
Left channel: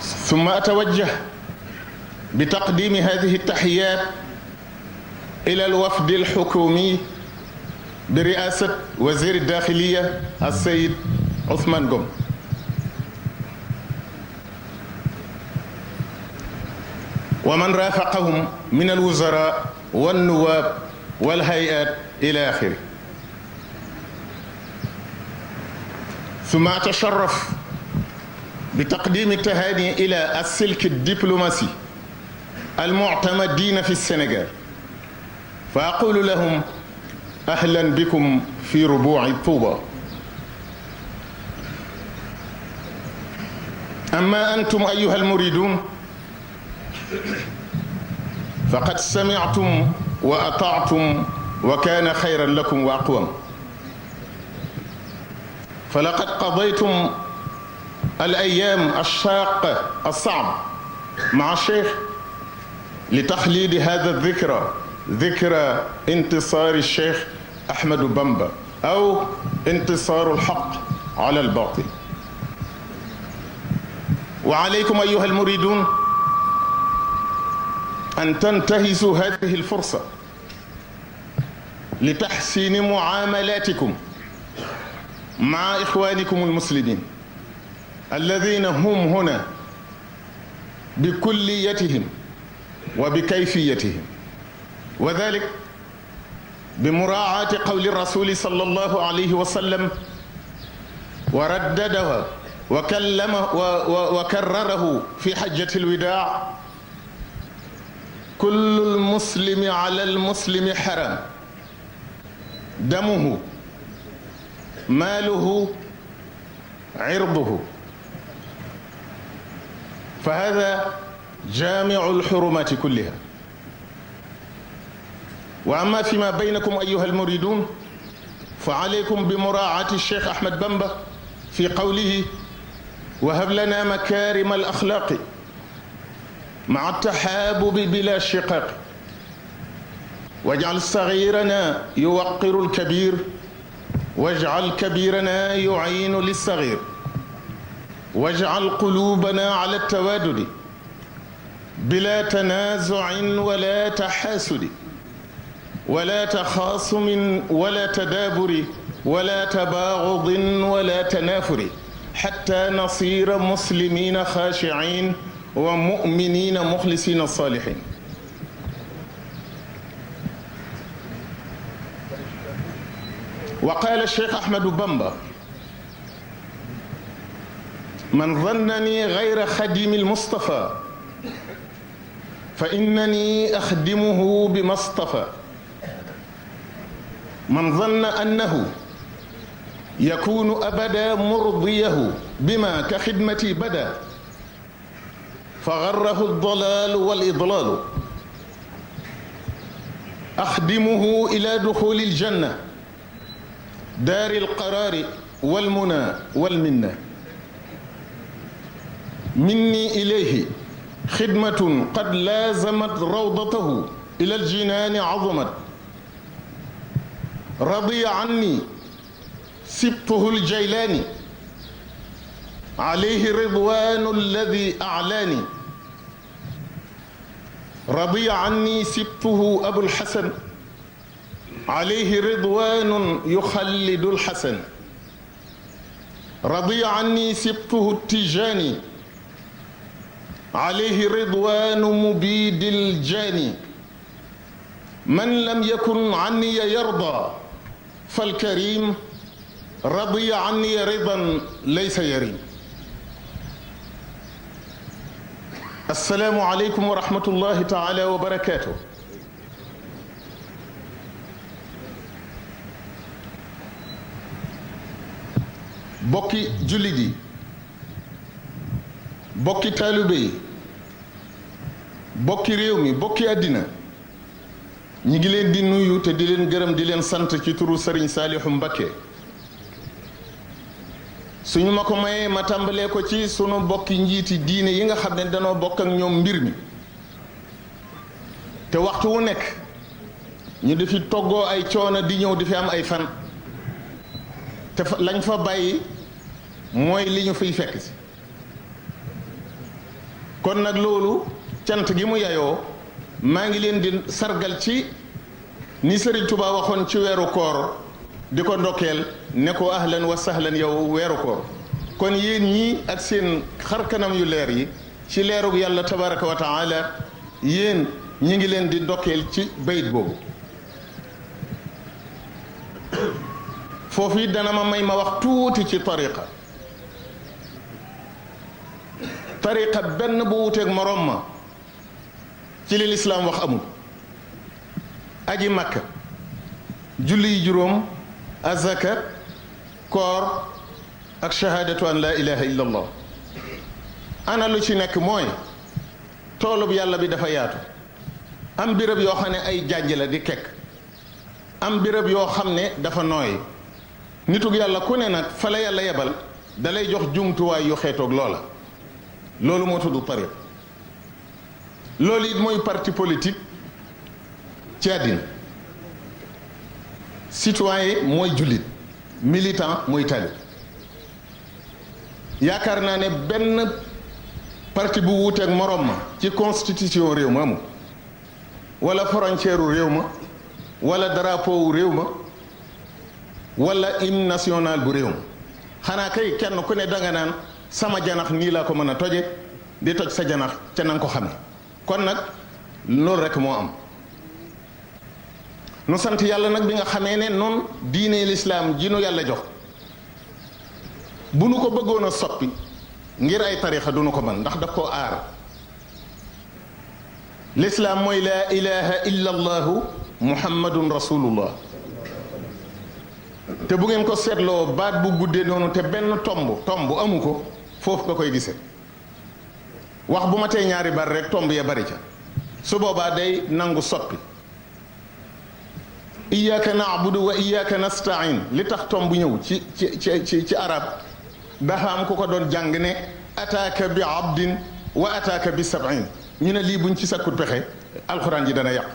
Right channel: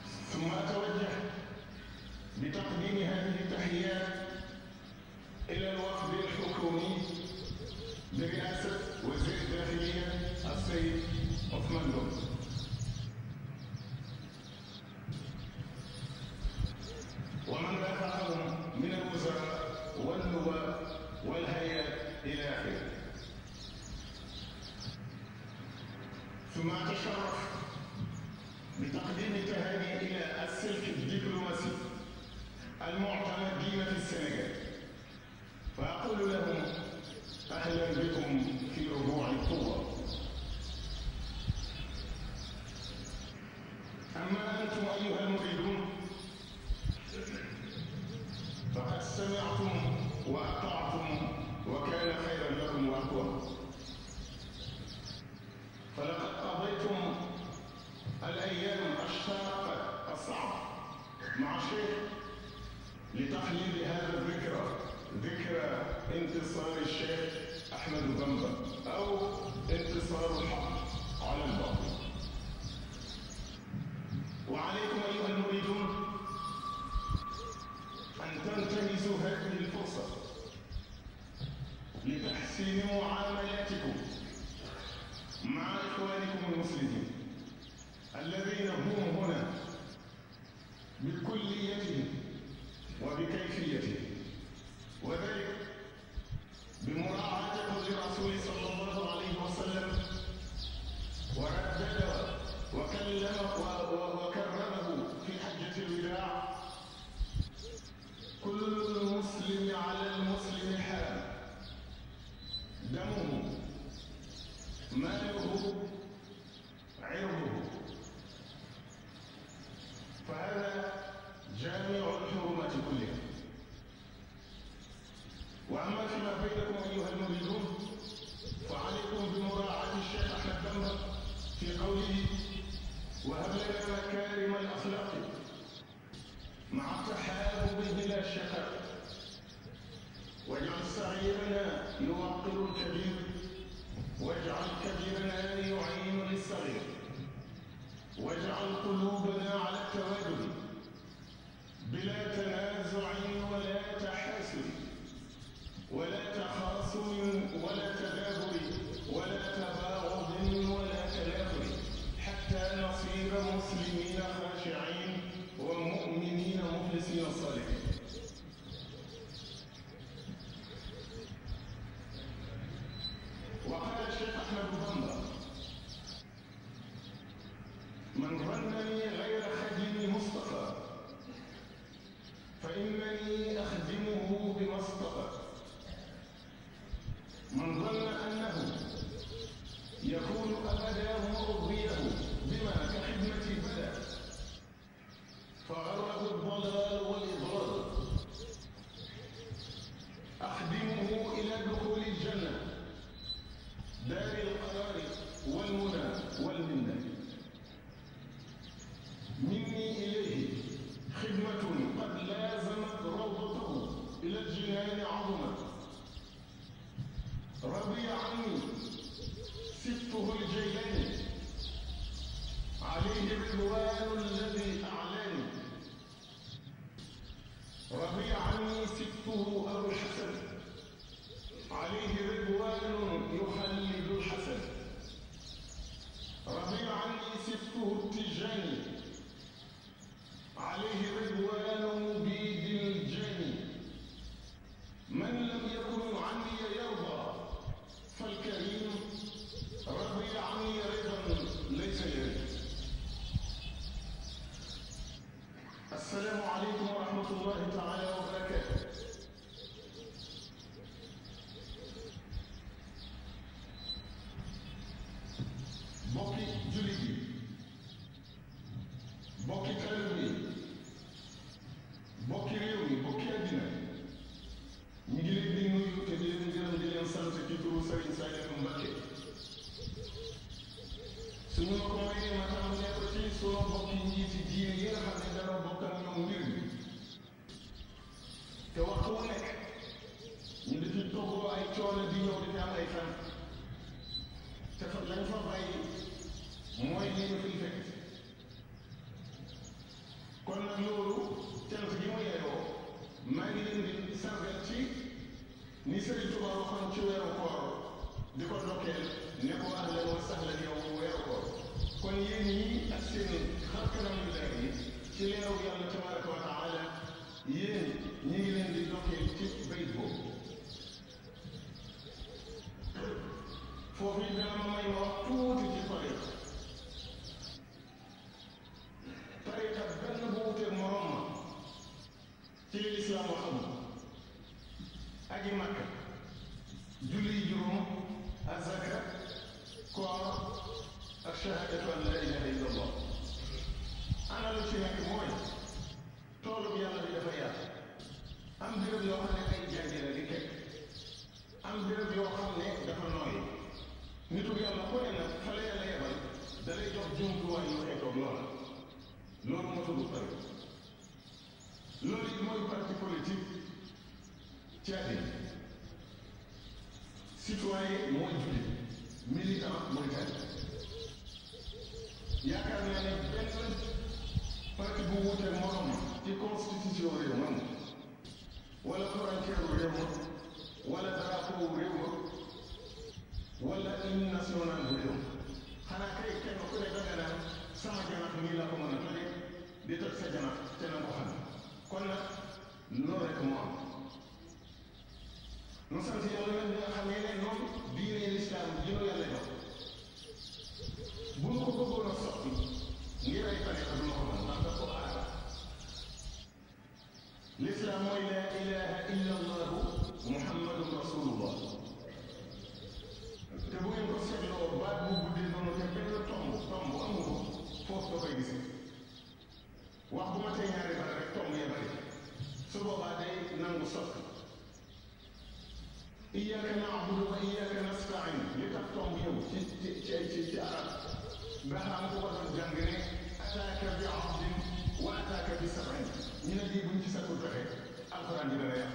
ثم أتوجه بتقديم هذه التحيات إلى الوفد الحكومي برئاسة وزير الداخلية السيد عثمان قم، ومن رافقهم من الوزراء والنواب والهيئات إلى آخره. ثم أتشرف بتقديم التهاني إلى السلك الدبلوماسي المعتمدين في السنغال، فأقول لهم أهلا بكم في ربوع طوبى. أما أنتم أيها المريدون فقد سمعتم وأطعتم وكان خيرا لكم وأقوم، فلقد قضيتم الأيام الشاقة الصعبة مع الشيخ لتخليد هذا الذكرى، ذكرى انتصار الشيخ أحمد بامبا أو انتصار الحق على الباطل. وعليكم أيها المريدون أن تنتهزوا هذه الفرصة لتحسين معاملاتكم مع إخوانكم المسلمين الذين هم هنا بكليتهم وبكيفيتهم، وذلك بمراعاة قول الرسول صلى الله عليه وسلم ورددها وكرره في حجة الوداع: كل المسلم على المسلم حرام دمه ماله عرضه. فهذا جامع الحرمات كلها. وأما فيما بينكم أيها المريدون فعليكم بمراعاة الشيخ أحمد بامبا في قوله: وهب لنا مكارم الأخلاق مع التحابب بلا شقاق، واجعل صغيرنا يوقر الكبير، واجعل كبيرنا يعين للصغير، واجعل قلوبنا على التوادد بلا تنازع ولا تحاسد ولا تخاصم ولا تدابر ولا تباغض ولا تنافر، حتى نصير مسلمين خاشعين ومؤمنين مخلصين صالحين. وقال الشيخ أحمد بامبا: من ظنني غير خديم المصطفى فإنني أخدمه بما اصطفى. من ظن أنه يكون أبدا مرضيه بما كخدمتي بدا فغره الضلال والإضلال. أخدمه إلى دخول الجنة دار القرار والمنى والمنة. مني إليه خدمة قد لازمت روضته إلى الجنان عظمت. رضي عني سبطه الجيلاني عليه رضوان الذي أعلاني. رضي عني سبطه أبو الحسن عليه رضوان يخلد الحسن. رضي عني سبطه التيجاني عليه رضوان مبيد الجاني. من لم يكن عني يرضى فالكريم رضي عني رضا ليس يريم. السلام عليكم ورحمة الله تعالى وبركاته. bokki jullit yi, bokki taalibe yi, bokki réew mi, bokki àddina, ñi ngi leen di nuyu te di leen gërëm di leen sant ci turu Sëriñ Saalihu Mbakke. suñu ma ko mayee ma tàmbalee ko ci sunu bokki njiiti diine yi nga xam ne danoo bokk ak ñoom mbir mi te waxtu wu nekk ñu di fi toggoo ay coono di ñëw di fi am ay fan te lañ fa bàyyi mooy li ñu fiy fekk si. kon nag loolu cant gi mu yayoo maa ngi leen di sargal ci ni Sëriñ Tuubaa waxoon ci weeru koor di ko ndokkeel ne ko ahlan wa sahlan yow weeru koor. kon yéen ñii ak seen xarkanam yu leer yi ci leerug yàlla tabaraka wa taala yéen ñi ngi leen di ndokkeel ci bayit boobu. foofu it dana ma may ma wax tuuti ci tariqa benn bu wuteeg moroom ma ci li lislaam wax amul. aji makka, julli yi juróom, azaka, koor ak shahadatu an la ilaha illa allah. ana lu ci nekk mooy toolub yàlla bi dafa yaatu. am béréb yoo xam ne ay jànj la di kekk, am béréb yoo xam ne dafa nooy. nitug yàlla ku ne nag fa la yàlla yebal dalay jox jumtuwaay yu xeetoog loola. loolu moo tudd tariq. loolu it mooy parti politique ci àddina. citoyen mooy jullit, militant mooy talib. yaakaar naa ne benn parti bu wuuteeg moroom ma ci constitution réew ma amul, wala frontière u réew ma, wala drapeau wu réew ma, wala hymne national bu réew ma. xanaa kay kenn ku ne danga naan sama janax nii laa ko mën a toje, di toj sa janax ca nanga ko xame kon nag loolu rek moo am nu sant yàlla nag bi nga xamee ne noonu diine lislaam ji nu yàlla jox bu nu ko bëggoon a soppi ngir ay tarixa du nu ko mën ndax daf koo aar lislaam mooy laa ilaha illa allahu muhammadun rasulullah te bu ngeen ko seetloo baat bu guddee noonu te benn tomb amu ko foofu nga koy gisee wax bu ma tee ñaari bar rek tomb ya bari ca su boobaa day nangu soppi iyyaka na'budu wa iyyaka nasta'in li tax tomb ñëw ci arab dafa am ku ko doon jàng ne ataaka bi abdin wa ataaka bi sab'in ñu ne lii buñ ci sakkut pexe alxuraan ji dana yàqu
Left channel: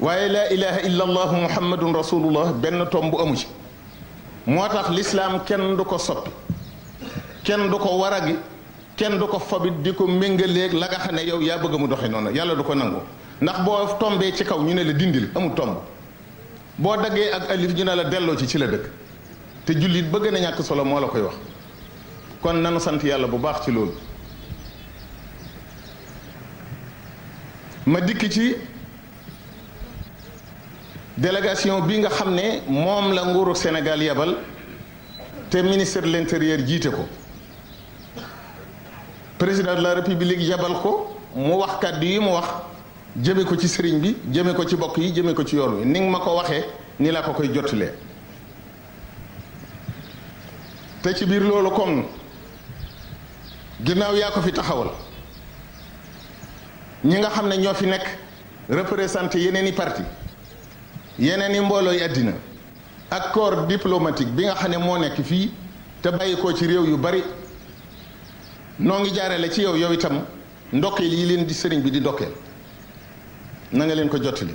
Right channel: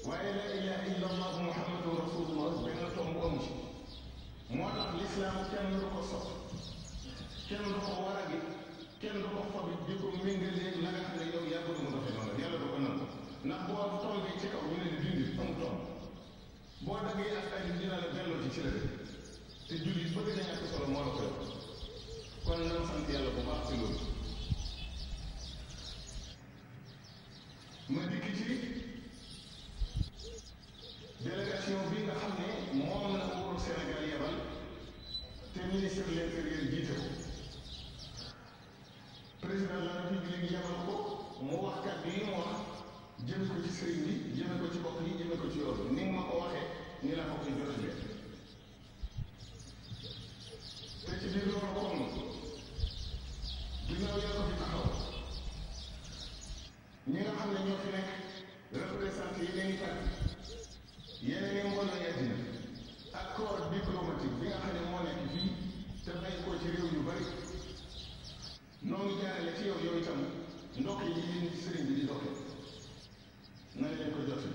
waaye laa ilaha illa allahu muhammadun rasulullah benn tomb amu ci moo tax lislaam kenn du ko soppi kenn du ko waragi kenn du ko fobit di ko méngaleeg la nga xam ne yow yaa bëgg mu doxe noonu yàlla du ko nangu ndax boo tombee ci kaw ñu ne la dindil amul tomb boo daggee ak alif ñu ne la delloo ci la dëkk te jullit bëgg na ñàkk solo moo la koy wax kon nanu sant yàlla bu baax ci loolu ma dikk ci délégation bi nga xam ne moom la nguuru Sénégal yebal te ministre de l'intérieur jiite ko président de la république yebal ko mu wax kàddu yi mu wax jëme ko ci sëriñ bi jëme ko ci bokk yi jëme ko ci yoon wi ni nga ma ko waxee ni la ko koy jottalee te ci biir loolu kon ginnaaw yaa ko fi taxawal ñi nga xam ne ñoo fi nekk représenté yeneen i parti yeneen i mboolooy àddina ak corps diplomatique bi nga xam ne moo nekk fii te bàyyi ko ci réew yu bari noo ngi jaarale ci yow itam ndokkeel yi leen di sëriñ bi di ndokkeel na nga leen ko jottali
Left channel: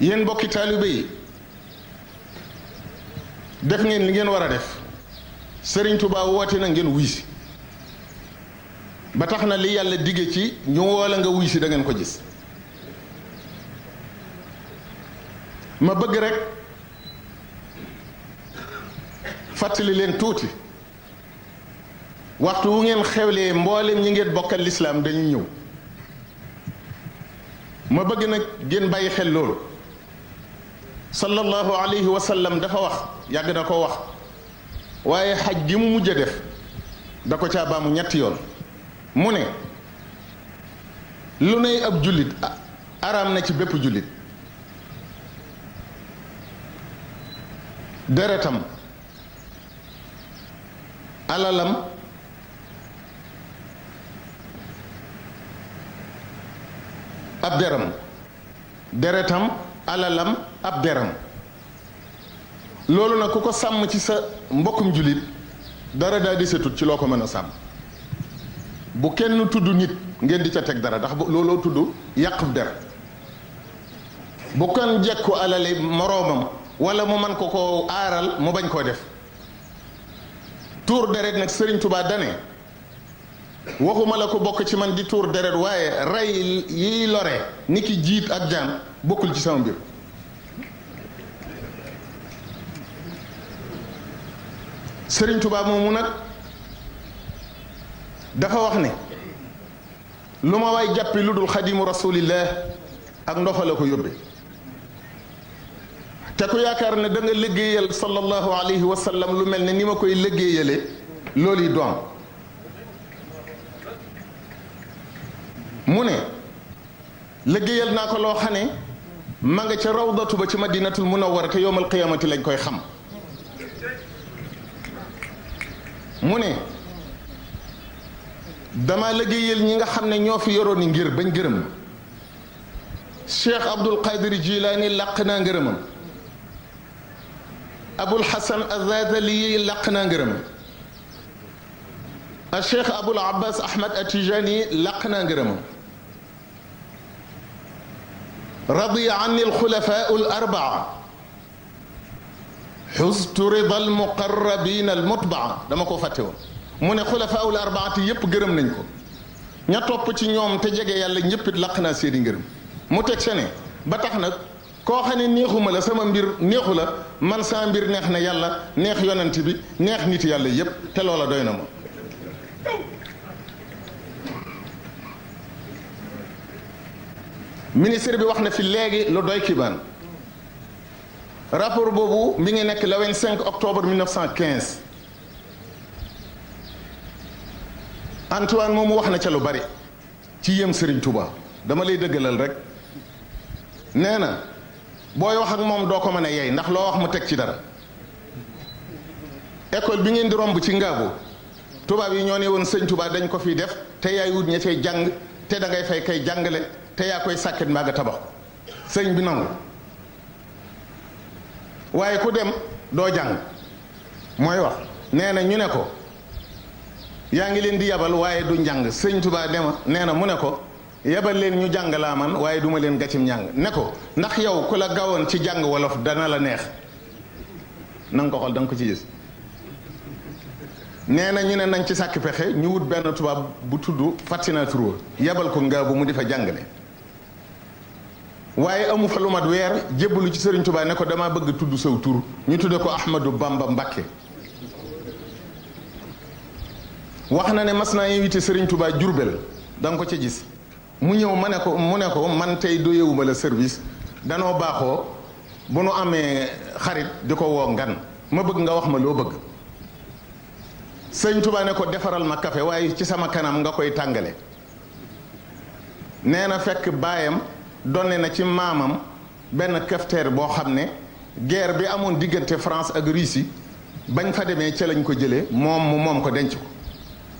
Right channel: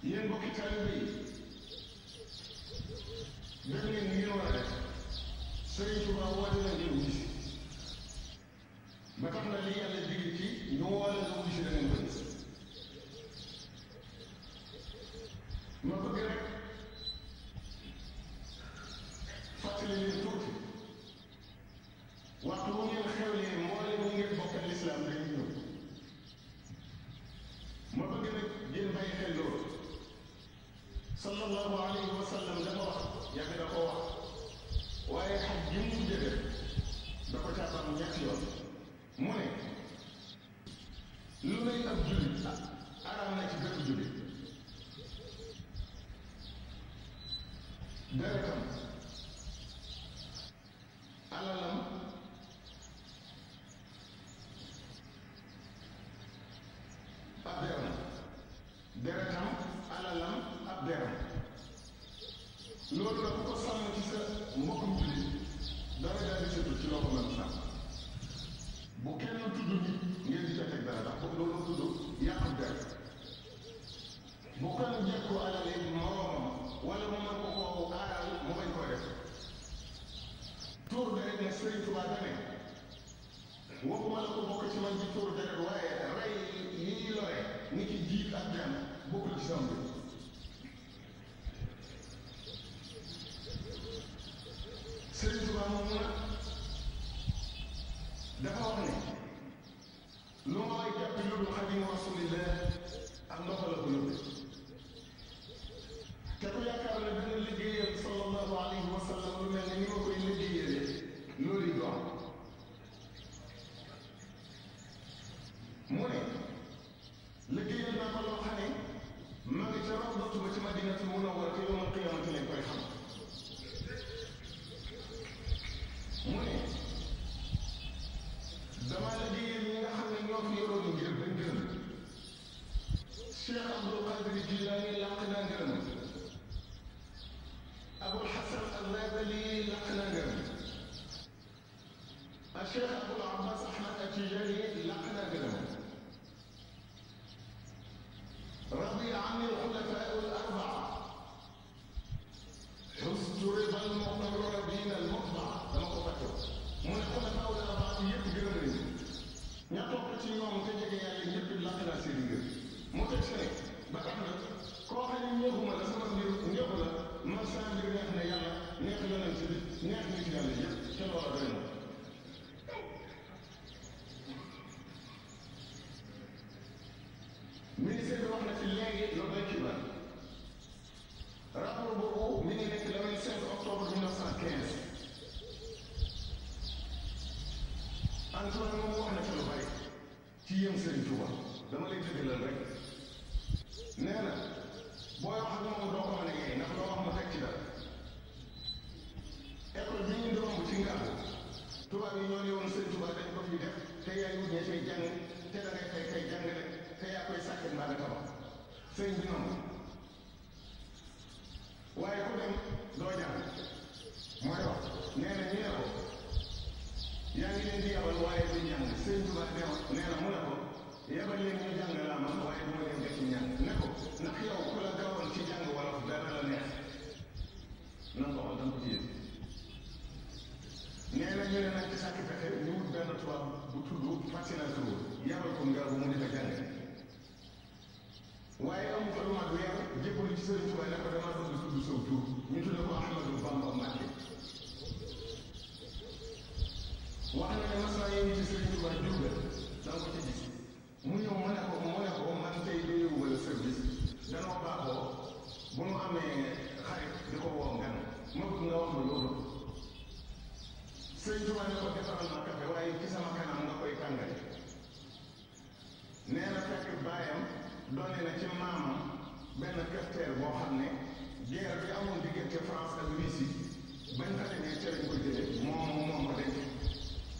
yéen mbokki taalibe yi def ngeen li ngeen war a def sëriñ Tuubaa woote na ngeen wuy si ba tax na li yàlla digge ci ñu woola nga wuy si da ngeen ko gis ma bëgg rek fàttali leen tuuti waxtu wu ngeen xewlee mboolem ñi ngeen bokkal lislaam dañuy ñëw ma bëgg nag ngeen bàyyi xel loolu sallallahu alayhi wa sallam dafa wax yàgg na ko wax waaye xaj gi mu mujj a def da ko caa baamu ñetti yoon mu ne lu nay ab jullit araam na ci bépp jullit deretam alalam ab deram deretam alalam ab deram loolu nag ku ko sàmm ci sa mbokkum jullit dara daa desatut ci loo ko mën a sàmm bu kenn tudd nit ngeen di ca teg dara ndax looloo tudd yàqub der bu kenn jekku alale moroomam wala mu man ko aaral mu bañ koo def tuur deret nag Sëriñ Tuubaa dane waxuma la ko bokk ci man di tuur deret waaye rey yiy lore ni ki jiit ak jaan bokkul ci sama mbir Sëriñ Tuubaa moomu nag dafa wax ne lu ma waay jàppi lu dul xadimu rasulillah ak ndoxa la ko yóbbe te ku yaakaar ne da nga liggéeyal sallallahu alayhi wa sallam lu mel ne ni ma koy liggéeyale loolu yi doom mu ne liggéeyal naa ko loo xam ne ma nga ca rawdatu ba ci madinatul munawwara te yowmal qiyamati lañ koy xam mu ne dama liggéeyal ñi nga xam ne ñoo fi yoroon ni ngir bañ gërëm Cheikh Abdul Qadir Jilaani làq naa ngërëmam Abul Hasan Azazali làq naa ngërëmam a Cheikh Abul Abbas Ahmad Atijani làq naa ngërëmam radiya anni alxulafaa al-arbaa xustu rida almuqarrabina almutbaa dama ko fàtte woon mu ne xulafaa al-arbaati yépp gërëm nañ ko ña topp ci ñoom te jege yàlla ñëpp it laq naa seeni ngërëm mu teg se ne ba tax nag koo xam ne neexuma la sama mbir neexu la man sama mbir neex na yàlla neex yonent bi neex nit yàlla yépp te loola doy na ma. ministre bi wax na fi léegi lu doy kibaan rapport boobu mi ngi nekk le 25 octobre 1915 Antoine moomu wax na ca lu bari ci yëm Serigne Touba dama lay dëggalal rek nee na booy wax ak moom doo ko mën a yey ndax loo wax mu teg ci dara école bi ngeen di romb ci Ngaabu tubaab yi ñoo ne woon sëñ Touba dañ ko fiy def te yaay wut ña cay jàng te da ngay fay kay jàngale te yaa koy sàkket mbaa nga tabax ko sëñ bi nangu waaye ku dem doo jàng mooy wax nee na ñu ne ko yaa ngi leen di yabal waaye du njàng sëñ Touba dema nee na mu ne ko yabal leen ñu jàng laa man waaye duma leen gàccim njàng ne ko ndax yow ku la gawoon ci jàng wolof dana la neex na nga ko xool da nga ko ci gis nee na ñu ne nañ ci sàkk pexe ñu wut benn tubaab bu tudd Fatina Touré yabal ko Ngaabu mu di fa jàngale waaye amu fa lu mat weer jébbalu ci Serigne Touba ne ko dama bëgg tudd saw tur ñu tudde ko Ahmadou Bamba Mbakke wax na ne mas naa invité Serigne Touba Jurbel da nga ko ca gis mu ñëw mu ne ko man tey doyewuma la service danoo baaxoo bu nu amee xarit di ko woo ngan ma bëgg nga wax ma loo bëgg Serigne Touba ne ko defaral ma café waaye ci sama kanam nga koy tàngale nee na fekk baayam donne na ci maamam benn cafetière boo xam ne guerre bi amoon diggante France ak Russie bañ fa demee ca lañ ko jëlee moom ko denc ko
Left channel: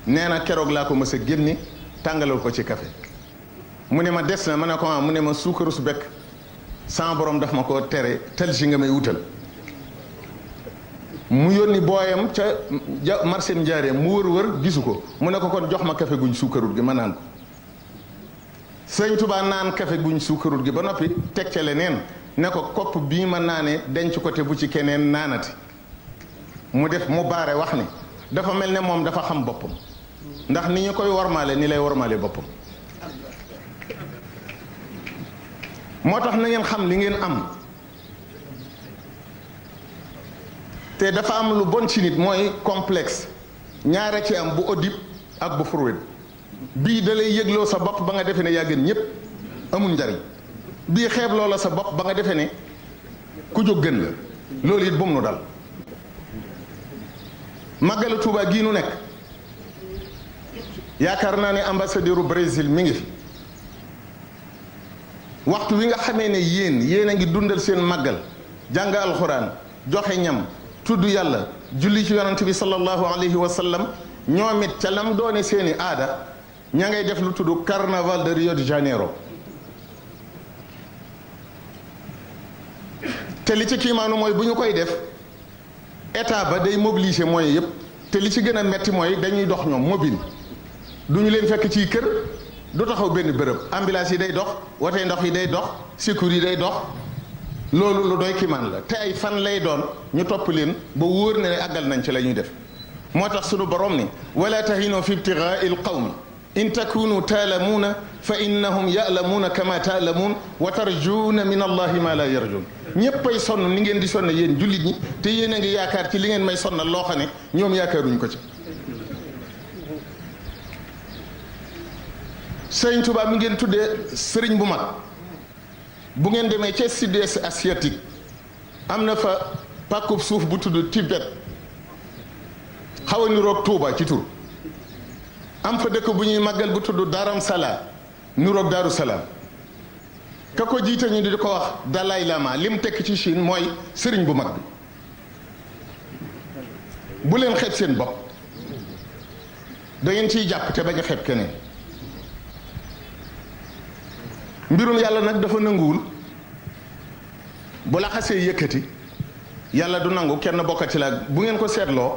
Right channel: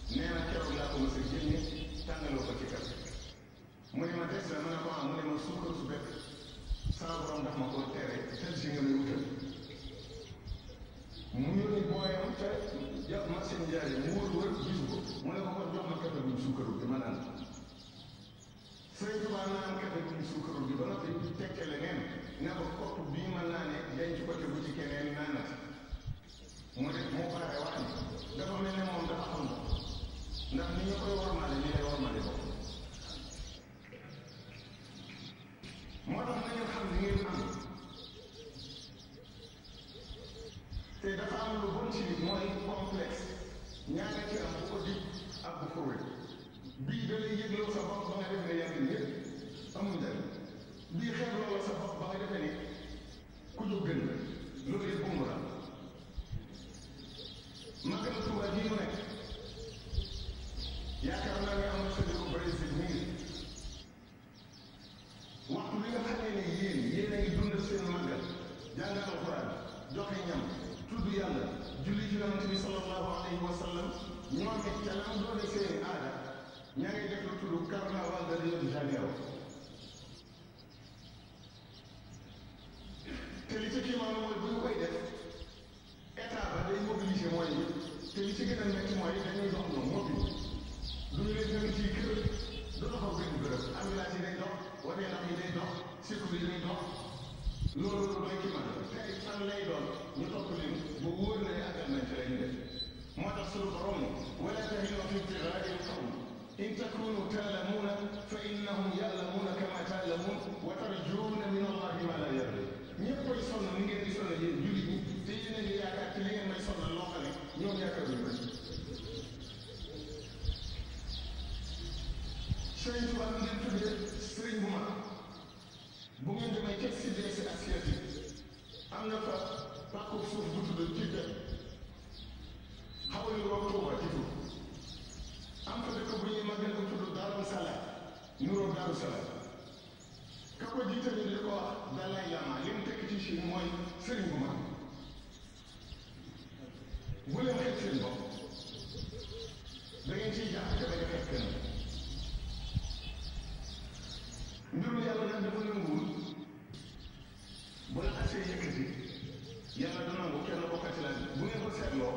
nee na keroog laa ko mës a génne tàngalal ko ci café mu ne ma des na ma ne ko mu ne ma suukaru su bekk sama borom daf ma ko tere tel si nga may wutal mu yónni booyam ca marché Njaareem mu wër gisu ko mu ne ko kon jox ma café guñ suukarut gi ma naan ko sëñ Touba naan café guñ suukarut gi ba noppi teg ca leneen ne ko kopp bii ma naanee denc ko te bu ci keneen naanati mu baare wax ni dafa mel ne moom dafa xam boppam ndax ni ñu koy wormaale ni lay wormaale boppam moo tax na ngeen xam li ngeen am te dafa am lu bon ci nit mooy complexe ñaara ci am bu Oedipe ak bu Freud bii da lay yëgloo sa bopp ba nga defee ne yaa gën ñépp amul njariñ bii xeeb loola sa bopp ba nga defee ne ku jóg gën la loolu it bu mu nu dal màggalu Tuuba gii nu nekk yaakaar naa ne ambassadeur u Brésil mi ngi fi waxtu wi nga xamee ne yéen a ngi dundal seen màggal jàng alxuraan joxe ñam tudd yàlla julli ci yonent bi sallallahu alayhi wa sallam ñoom it ca lam doone seeni aada ña ngay def lu tudd carnaval de Rio de Janeiro te li ci kiimaanu mooy bu ñu koy def état ba day mobiliser moyens yëpp te li ci gën a metti mooy dañuy dox ñoom mobile du ñu leen fekk ci kër du taxaw benn bërëb ambulance yi day dox wote ndox yi day dox secours yi day dox loolu lu doy kiimaan la te ay fan lay doon ñu topp leen ba wóor na ne àggal nañ ci la ñuy def moo tax sunu borom ni wala tahinu fi ibtigaai lqawmi in takunu taalamuuna fa innahum yaalamuuna kama taalamuun wa tarjuuna min allahi ma la yarjun ñéppay sonn ni ngeen di sonn yéen jullit ñi te yéen a ngi yaakaar ci li ngeen may sonnal loo xam ne ñoom yaakaaruñ ko ci Sëriñ Tuubaa mi ngeen tuddee sëriñ bu mag bu ngeen demee ca sud-est asiatique am na fa pàkkub suuf bu tudd Tibet xaw a niroog Tuuba ci tur am fa dëkk bu ñuy màggal bu tudd Dharam Sala niroog Daaru Salaam ka ko jiite ñu di ko wax Dalai Lama li mu tekk ci Chine mooy sëriñ bu mag bi bu leen xeeb seen bopp da ngeen ciy jàpp te bañ a xeeb keneen mbirum yàlla nag dafa nanguwul bu la xasee yëkkati yàlla du nangu kenn bokkati la bu ngeen ko seetloo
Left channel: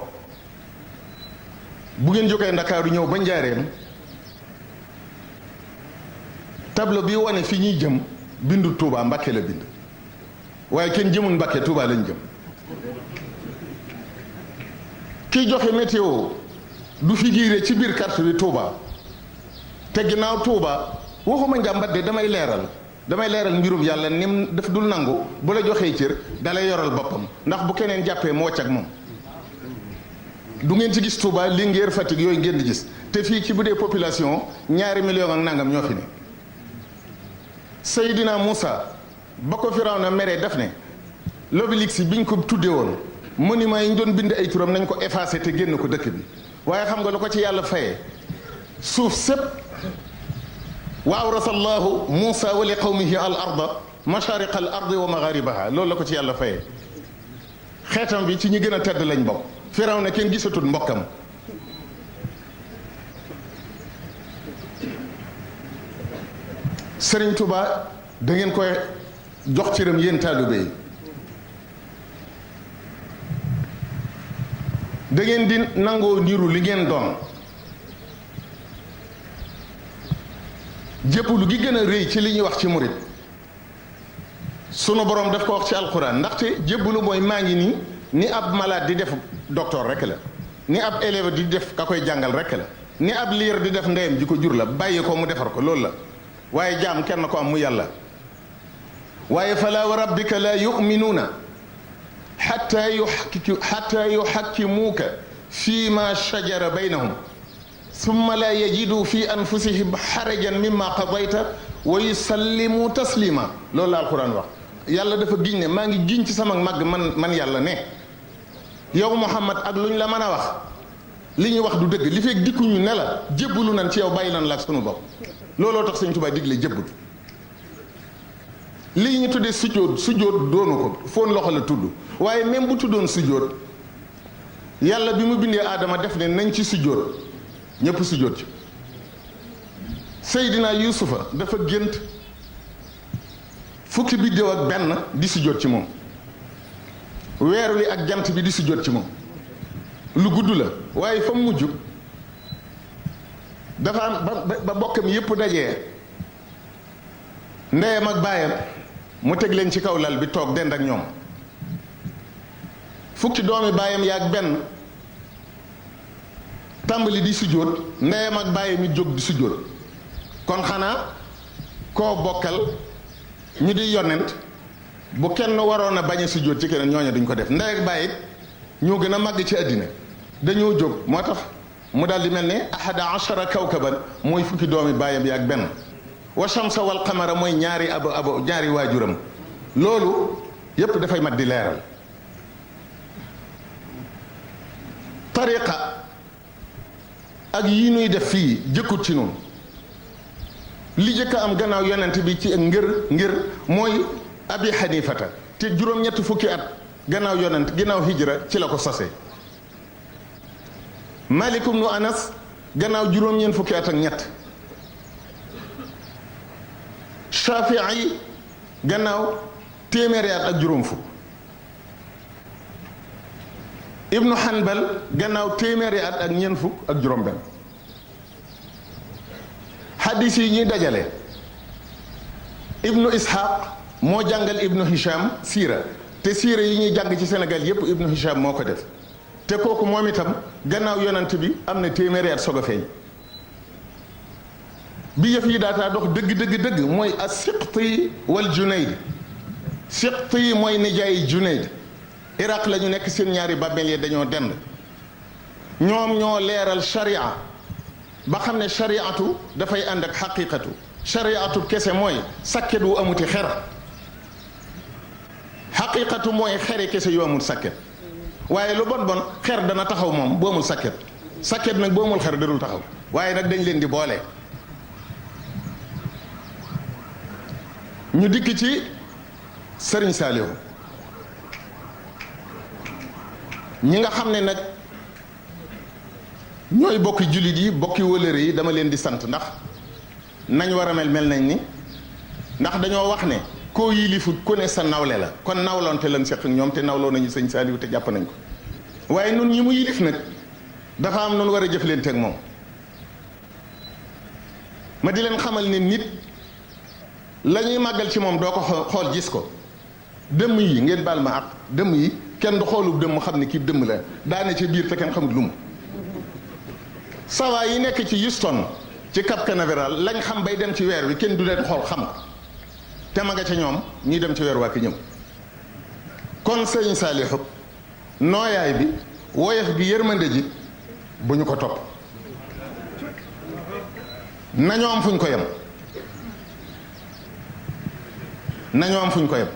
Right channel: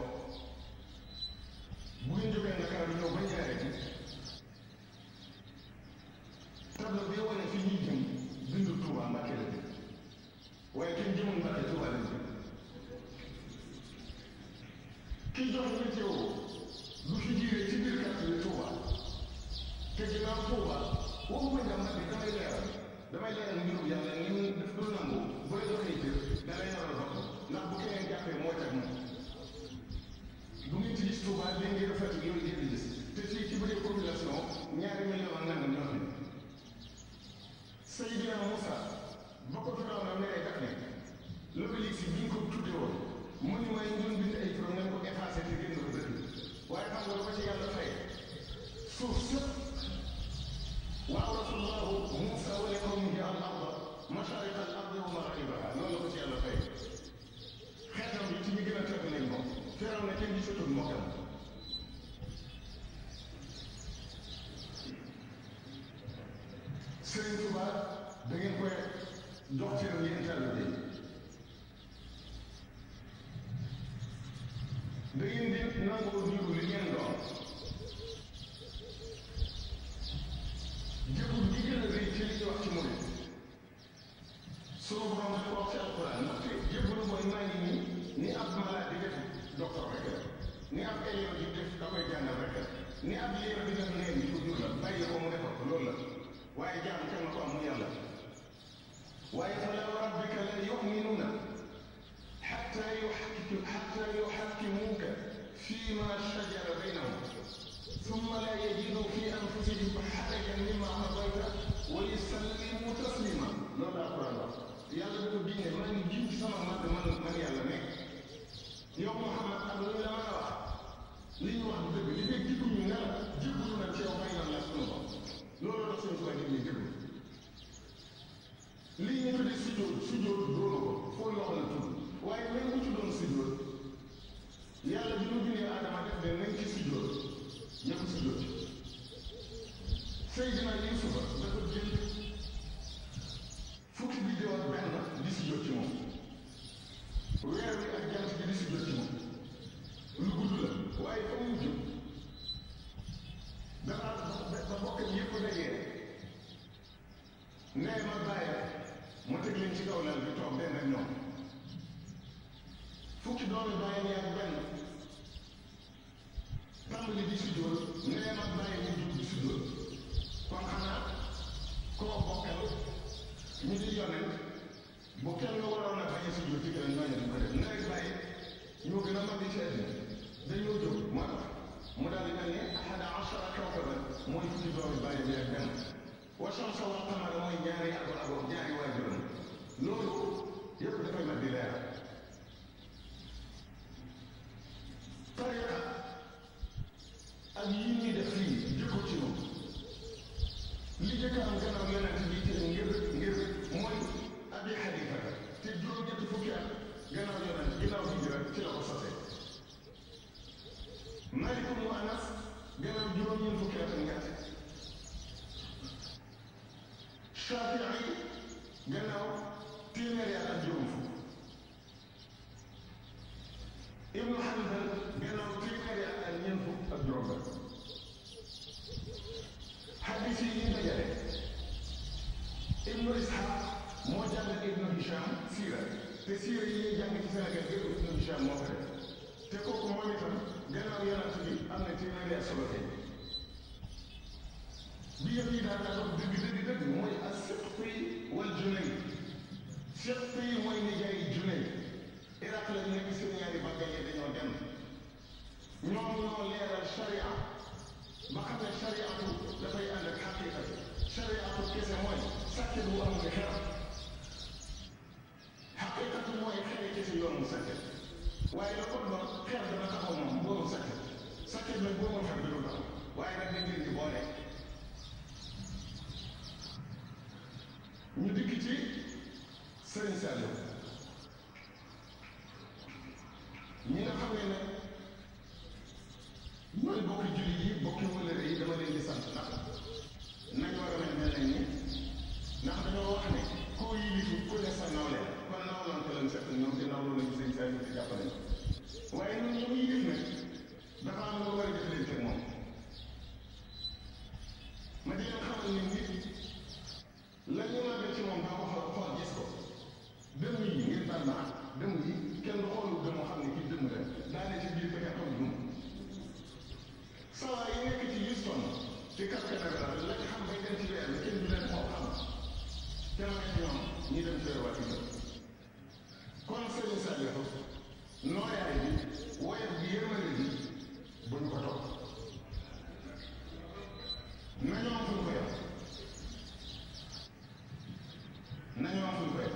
bu ngeen jógee Ndakaaru ñëw ba Njaareem tableau bi wane fi ñuy jëm bindu Touba Mbakke la bind waaye kenn jëmul Mbakke Touba lañ jëm kiy joxe météo du figuré ci biir carte bi Touba te ginnaaw Touba waxuma njàmbat de damay leeral damay leeral mbirum yàlla nim daf dul nangu bu la joxee cër dalay yoral boppam ndax bu keneen jàppee mu wàcc ak moom du ngeen ci gis Touba Linguère Fatick yooyu ngeen di gis te fii ci bu dee population 2 millions ak nangam ñoo fi ne Seydina Moussa ba ko Firawna meree daf ne l'obélisque biñ ko tuddee woon monument yi ñu doon bind ay turam nañ ko effacé te génn ko dëkk bi waaye xam nga lu ko ci yàlla fayee suuf sépp wa awrasa allahu Moussa wa li qawmihi al arda mashariqa al ardi wa magharibaha loolu la ko ci yàlla fayee xeetam bi ci ñi gën a tedd lañ bokk Firawna kenn gisatul mbokkam Sëriñ Tuba da ngeen koy jox cëram yéen taalibe yi da ngeen di nangoo niru li ngeen doon jébbalu gi gën a rëy ci li ñuy wax ci murit sunu borom daf ko wax ci alquran ndaxte jébbalu mooy maa ngi nii ni ab malade di def docteur rek la ni ab élève di def ka koy jàngal rek la ni ab liir di def ndeyam ji ko jur la bàyyi ko mu defar ko loolu la waaye jaam kenn ko am mu yàlla waaye fala wa rabbika la yuminuuna xatta yuxakkimuuka fi ma shajara baynahum summa la yajidu fi anfusihim xarajan mimma qadayta wa yusallimu taslima loolu la alquran wax yàlla dafa giñ ne maa ngi giñ ci sama màgg man yàlla ne yow Muhammad ak lu ñu la mën a wax li ñuy wax du dëgg li fekk dikkuñu ne la jébbalu nañ ci yow bàyyi nañ la ak sunu bopp looloo tax Sëñ Tuubaa digle jébbal lii ñu tuddee sujjóot doonu ko foon loxo la tudd waaye même bu tuddoon sujjóot yàlla bi mu bindee aadama def ne nañ ci sujjóot ñëpp sujjóot ci Seydina Yuusufa dafa gént fukki biddéew ak benn di sujjóot ci moom weer wi ak jant bi di sujjóot ci moom lu gudd la waaye fa mujj dafa am ba bokkam yépp dajee ndeyam ak baayam mu teg leen ci kaw lal bi toog dend ak ñoom fukki doomi baayam yaag benn tàmbali di sujjóot ndeyam ak baayam it jóg di sujjóot kon xanaa koo bokkal ñu di yonent bu kenn waroon a bañ a sujjóot ci keneen ñooñu duñ ko def ndey ak baay it ñoo gën a màgg ci àddina dañoo jóg moo tax mu daal di mel ne ahada ashara kawkaban mooy fukki doomi baayam yaag benn wa shamsa wal qamara mooy ñaari ñaari waajuram loolu yépp dafay mat di leeral tariqa ak yi nuy def fii jëkkut ci noonu li jëkk am gannaaw yonent bi ci ngir mooy abi xanifata te juróom-ñetti fukki at gannaaw yonent gannaaw hijra ci la ko sose malikum nu anas gannaaw juróom-ñeent fukki at ak ñett shafii gannaaw téeméeri at ak juróom fukk ibnu hanbal gannaaw téeméeri at ak ñeent fukk ak juróom benn hadis yi ñuy dajale ibnu ishaq moo jàngal ibnu hisham siira te siira yi ñuy jàng ci Sénégal yépp ibnu hisham moo ko def te kooku moom itam gannaaw yonent bi am na téeméeri at soog a feeñ bi yëf yi daataa dox dëgg mooy as-Siqti wal Junayd Siqti mooy nijaay Junayd Iraq la ñu nekk seen ñaari bàmmeel yi dañoo dend ñoom ñoo leeral sharia ba xam ne shariatu dafay ànd ak xaqiqatu shariatu kese mooy sakket wu amuti xer xaqiqatu mooy xeri kese yu amul sakket waaye lu bon xer dana taxaw moom bu amul sakket sakket nag bu amul xer dadul taxaw waaye nag dañ leen di boole ñu dikk ci Sëriñ Saalihu ñi nga xam ne nag ñooy bokki jullit yi bokki wëlëre yi dama leen di sant ndax nañ war a mel nañ ni ndax dañoo wax ne koo yilifut ku ne sa nawle la kon nawloonte lan seq ak ñoom te nawloo nañu Sëñ Saalihu te jàpp nañ ko waaye nun ñi mu yilif nag dafa am noonu war a jëflante ak moom ma di leen xamal ne nit la ñuy màggal ci moom doo ko xool gis ko dëmm yi ngeen baal ma ak dëmm yi kenn du xoolub dëmm xam ne kii dëmm la daane ci biir te kenn xamul lu mu sawa yi nekk ci Houston ci Cap Canaveral lañ xam bay dem ci weer wi kenn du leen xool xam ko te ma nga ca ñoom ñuy dem ci weer waa ki ñëw. kon sëriñ Saalihu nooyaay bi woyof gi yërmande ji bu ñu ko topp nañoo am fuñ ko yem nañoo am fuñ ko yem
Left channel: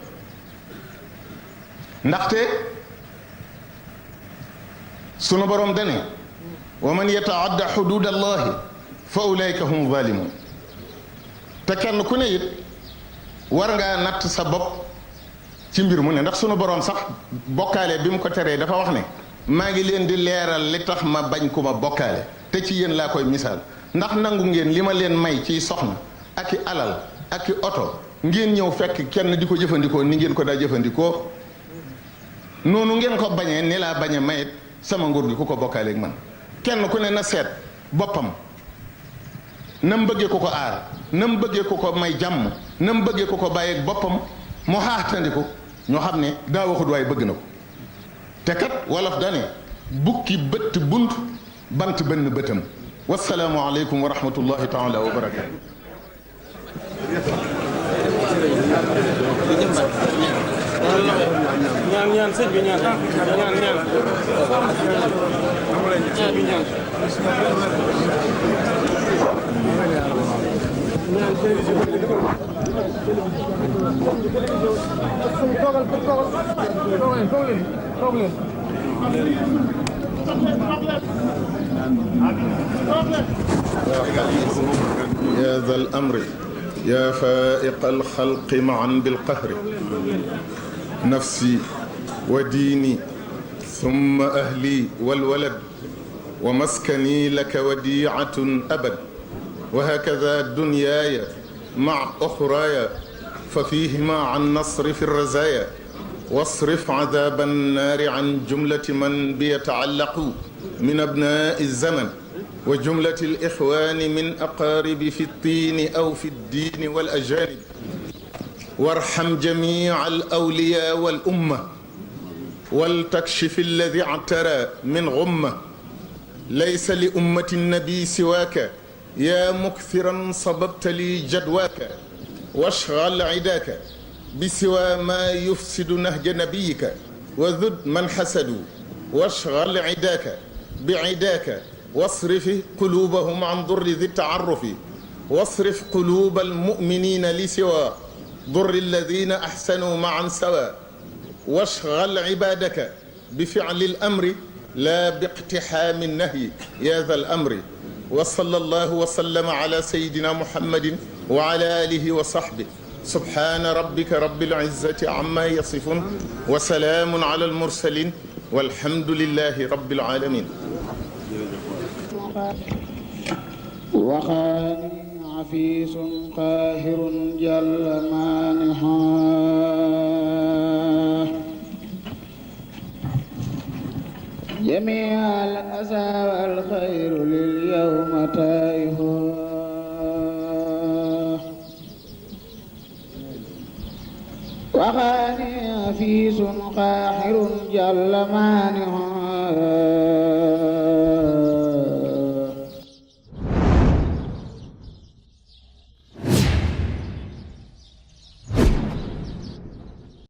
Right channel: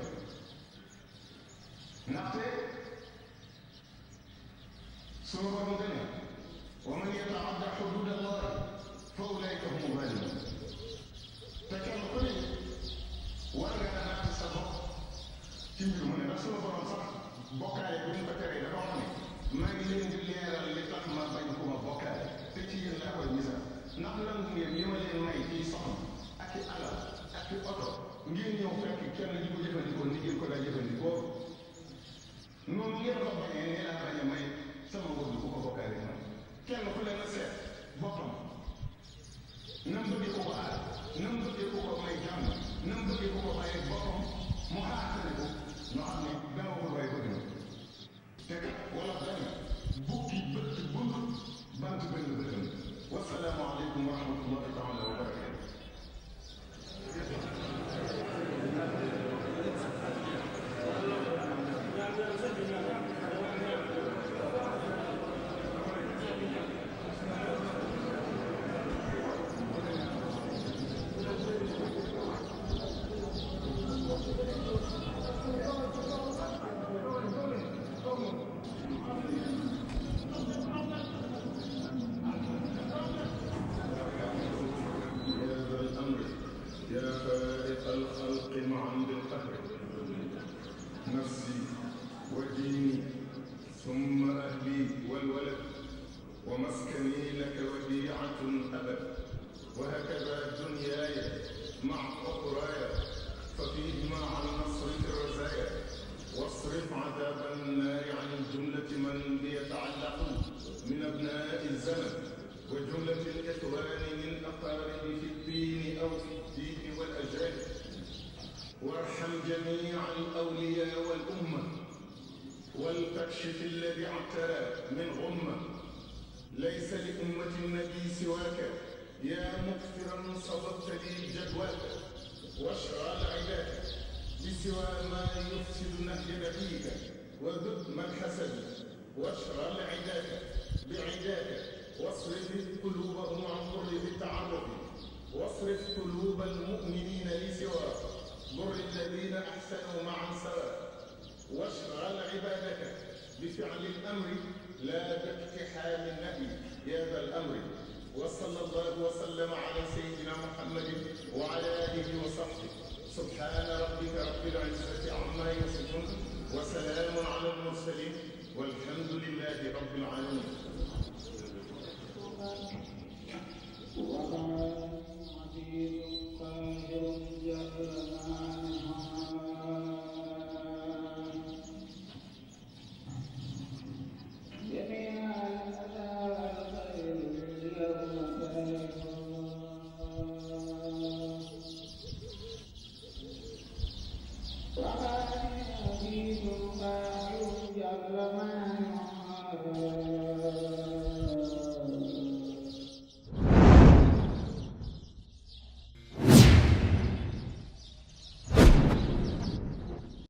ndaxte sunu borom dane wa man yataadda xuduud allahi fa ulaika hum zalimun te kenn ku ne it war ngaa natt sa bopp ci mbir mu ne ndax sunu borom sax bokkaale bi mu ko teree dafa wax ne maa ngi leen di leeral li tax ma bañ ku ma bokkaale te ci yéen laa koy misaal ndax nangu ngeen li ma leen may ciy soxna ak i alal ak i oto ngeen ñëw fekk kenn di ko jëfandikoo ni ngeen ko daa jëfandikoo noonu ngeen ko bañee ni laa bañe mayit sama nguur gi ku ko bokkaaleeg man kenn ku ne na seet boppam na mu bëggee ku ko aar na mu bëggee ku ko may jàmm na mu bëggee ku ko bàyyeeg boppam mu xaaxtandiku ñoo xam ne daa waxut waaye bëgg na ko te kat wolof dane bukki bëtt bunt bant benn bëtam wasalaamu aleykum wa rahmatullahi taala wa barakatu ñaan sëñ bi ñaan bi ñaan يا ذا الأمر يا فائق الخلق معا بالقهر نفسي وديني ثم أهلي والولد ومسكني لك وديعة أبد وهكذا دنياي مع أخراي ففيهما عن نصر في الرزايا واصرف عذاب النار عن جملة من بيتعلق من أبناء الزمن وجملة الإخوان من أقارب في الطين أو في الدين والأجانب وارحم جميع الأولياء والأمة ولتكشف الذي اعترى من غمة ليس لأمة النبي سواك يا مكثرا صببت لي جدواك واشغل عداك بسوى ما يفسد نهج نبيك وذد من حسدوا واشغل عداك بعداك واصرف قلوبهم عن ضر ذي التعرف واصرف قلوب المؤمنين لسوى ضر الذين أحسنوا معا سوى واشغل عبادك بفعل الأمر لا باقتحام النهي يا ذا الأمر وصلى الله وسلم على سيدنا محمد وعلى آله وصحبه سبحان ربك رب العزة عما يصفون وسلام على المرسلين والحمد لله رب العالمين وخاني عفيس قاهر جل مانحا جميع الأسى والخير لليوم تائه وخاني عفيس قاهر جل مانحا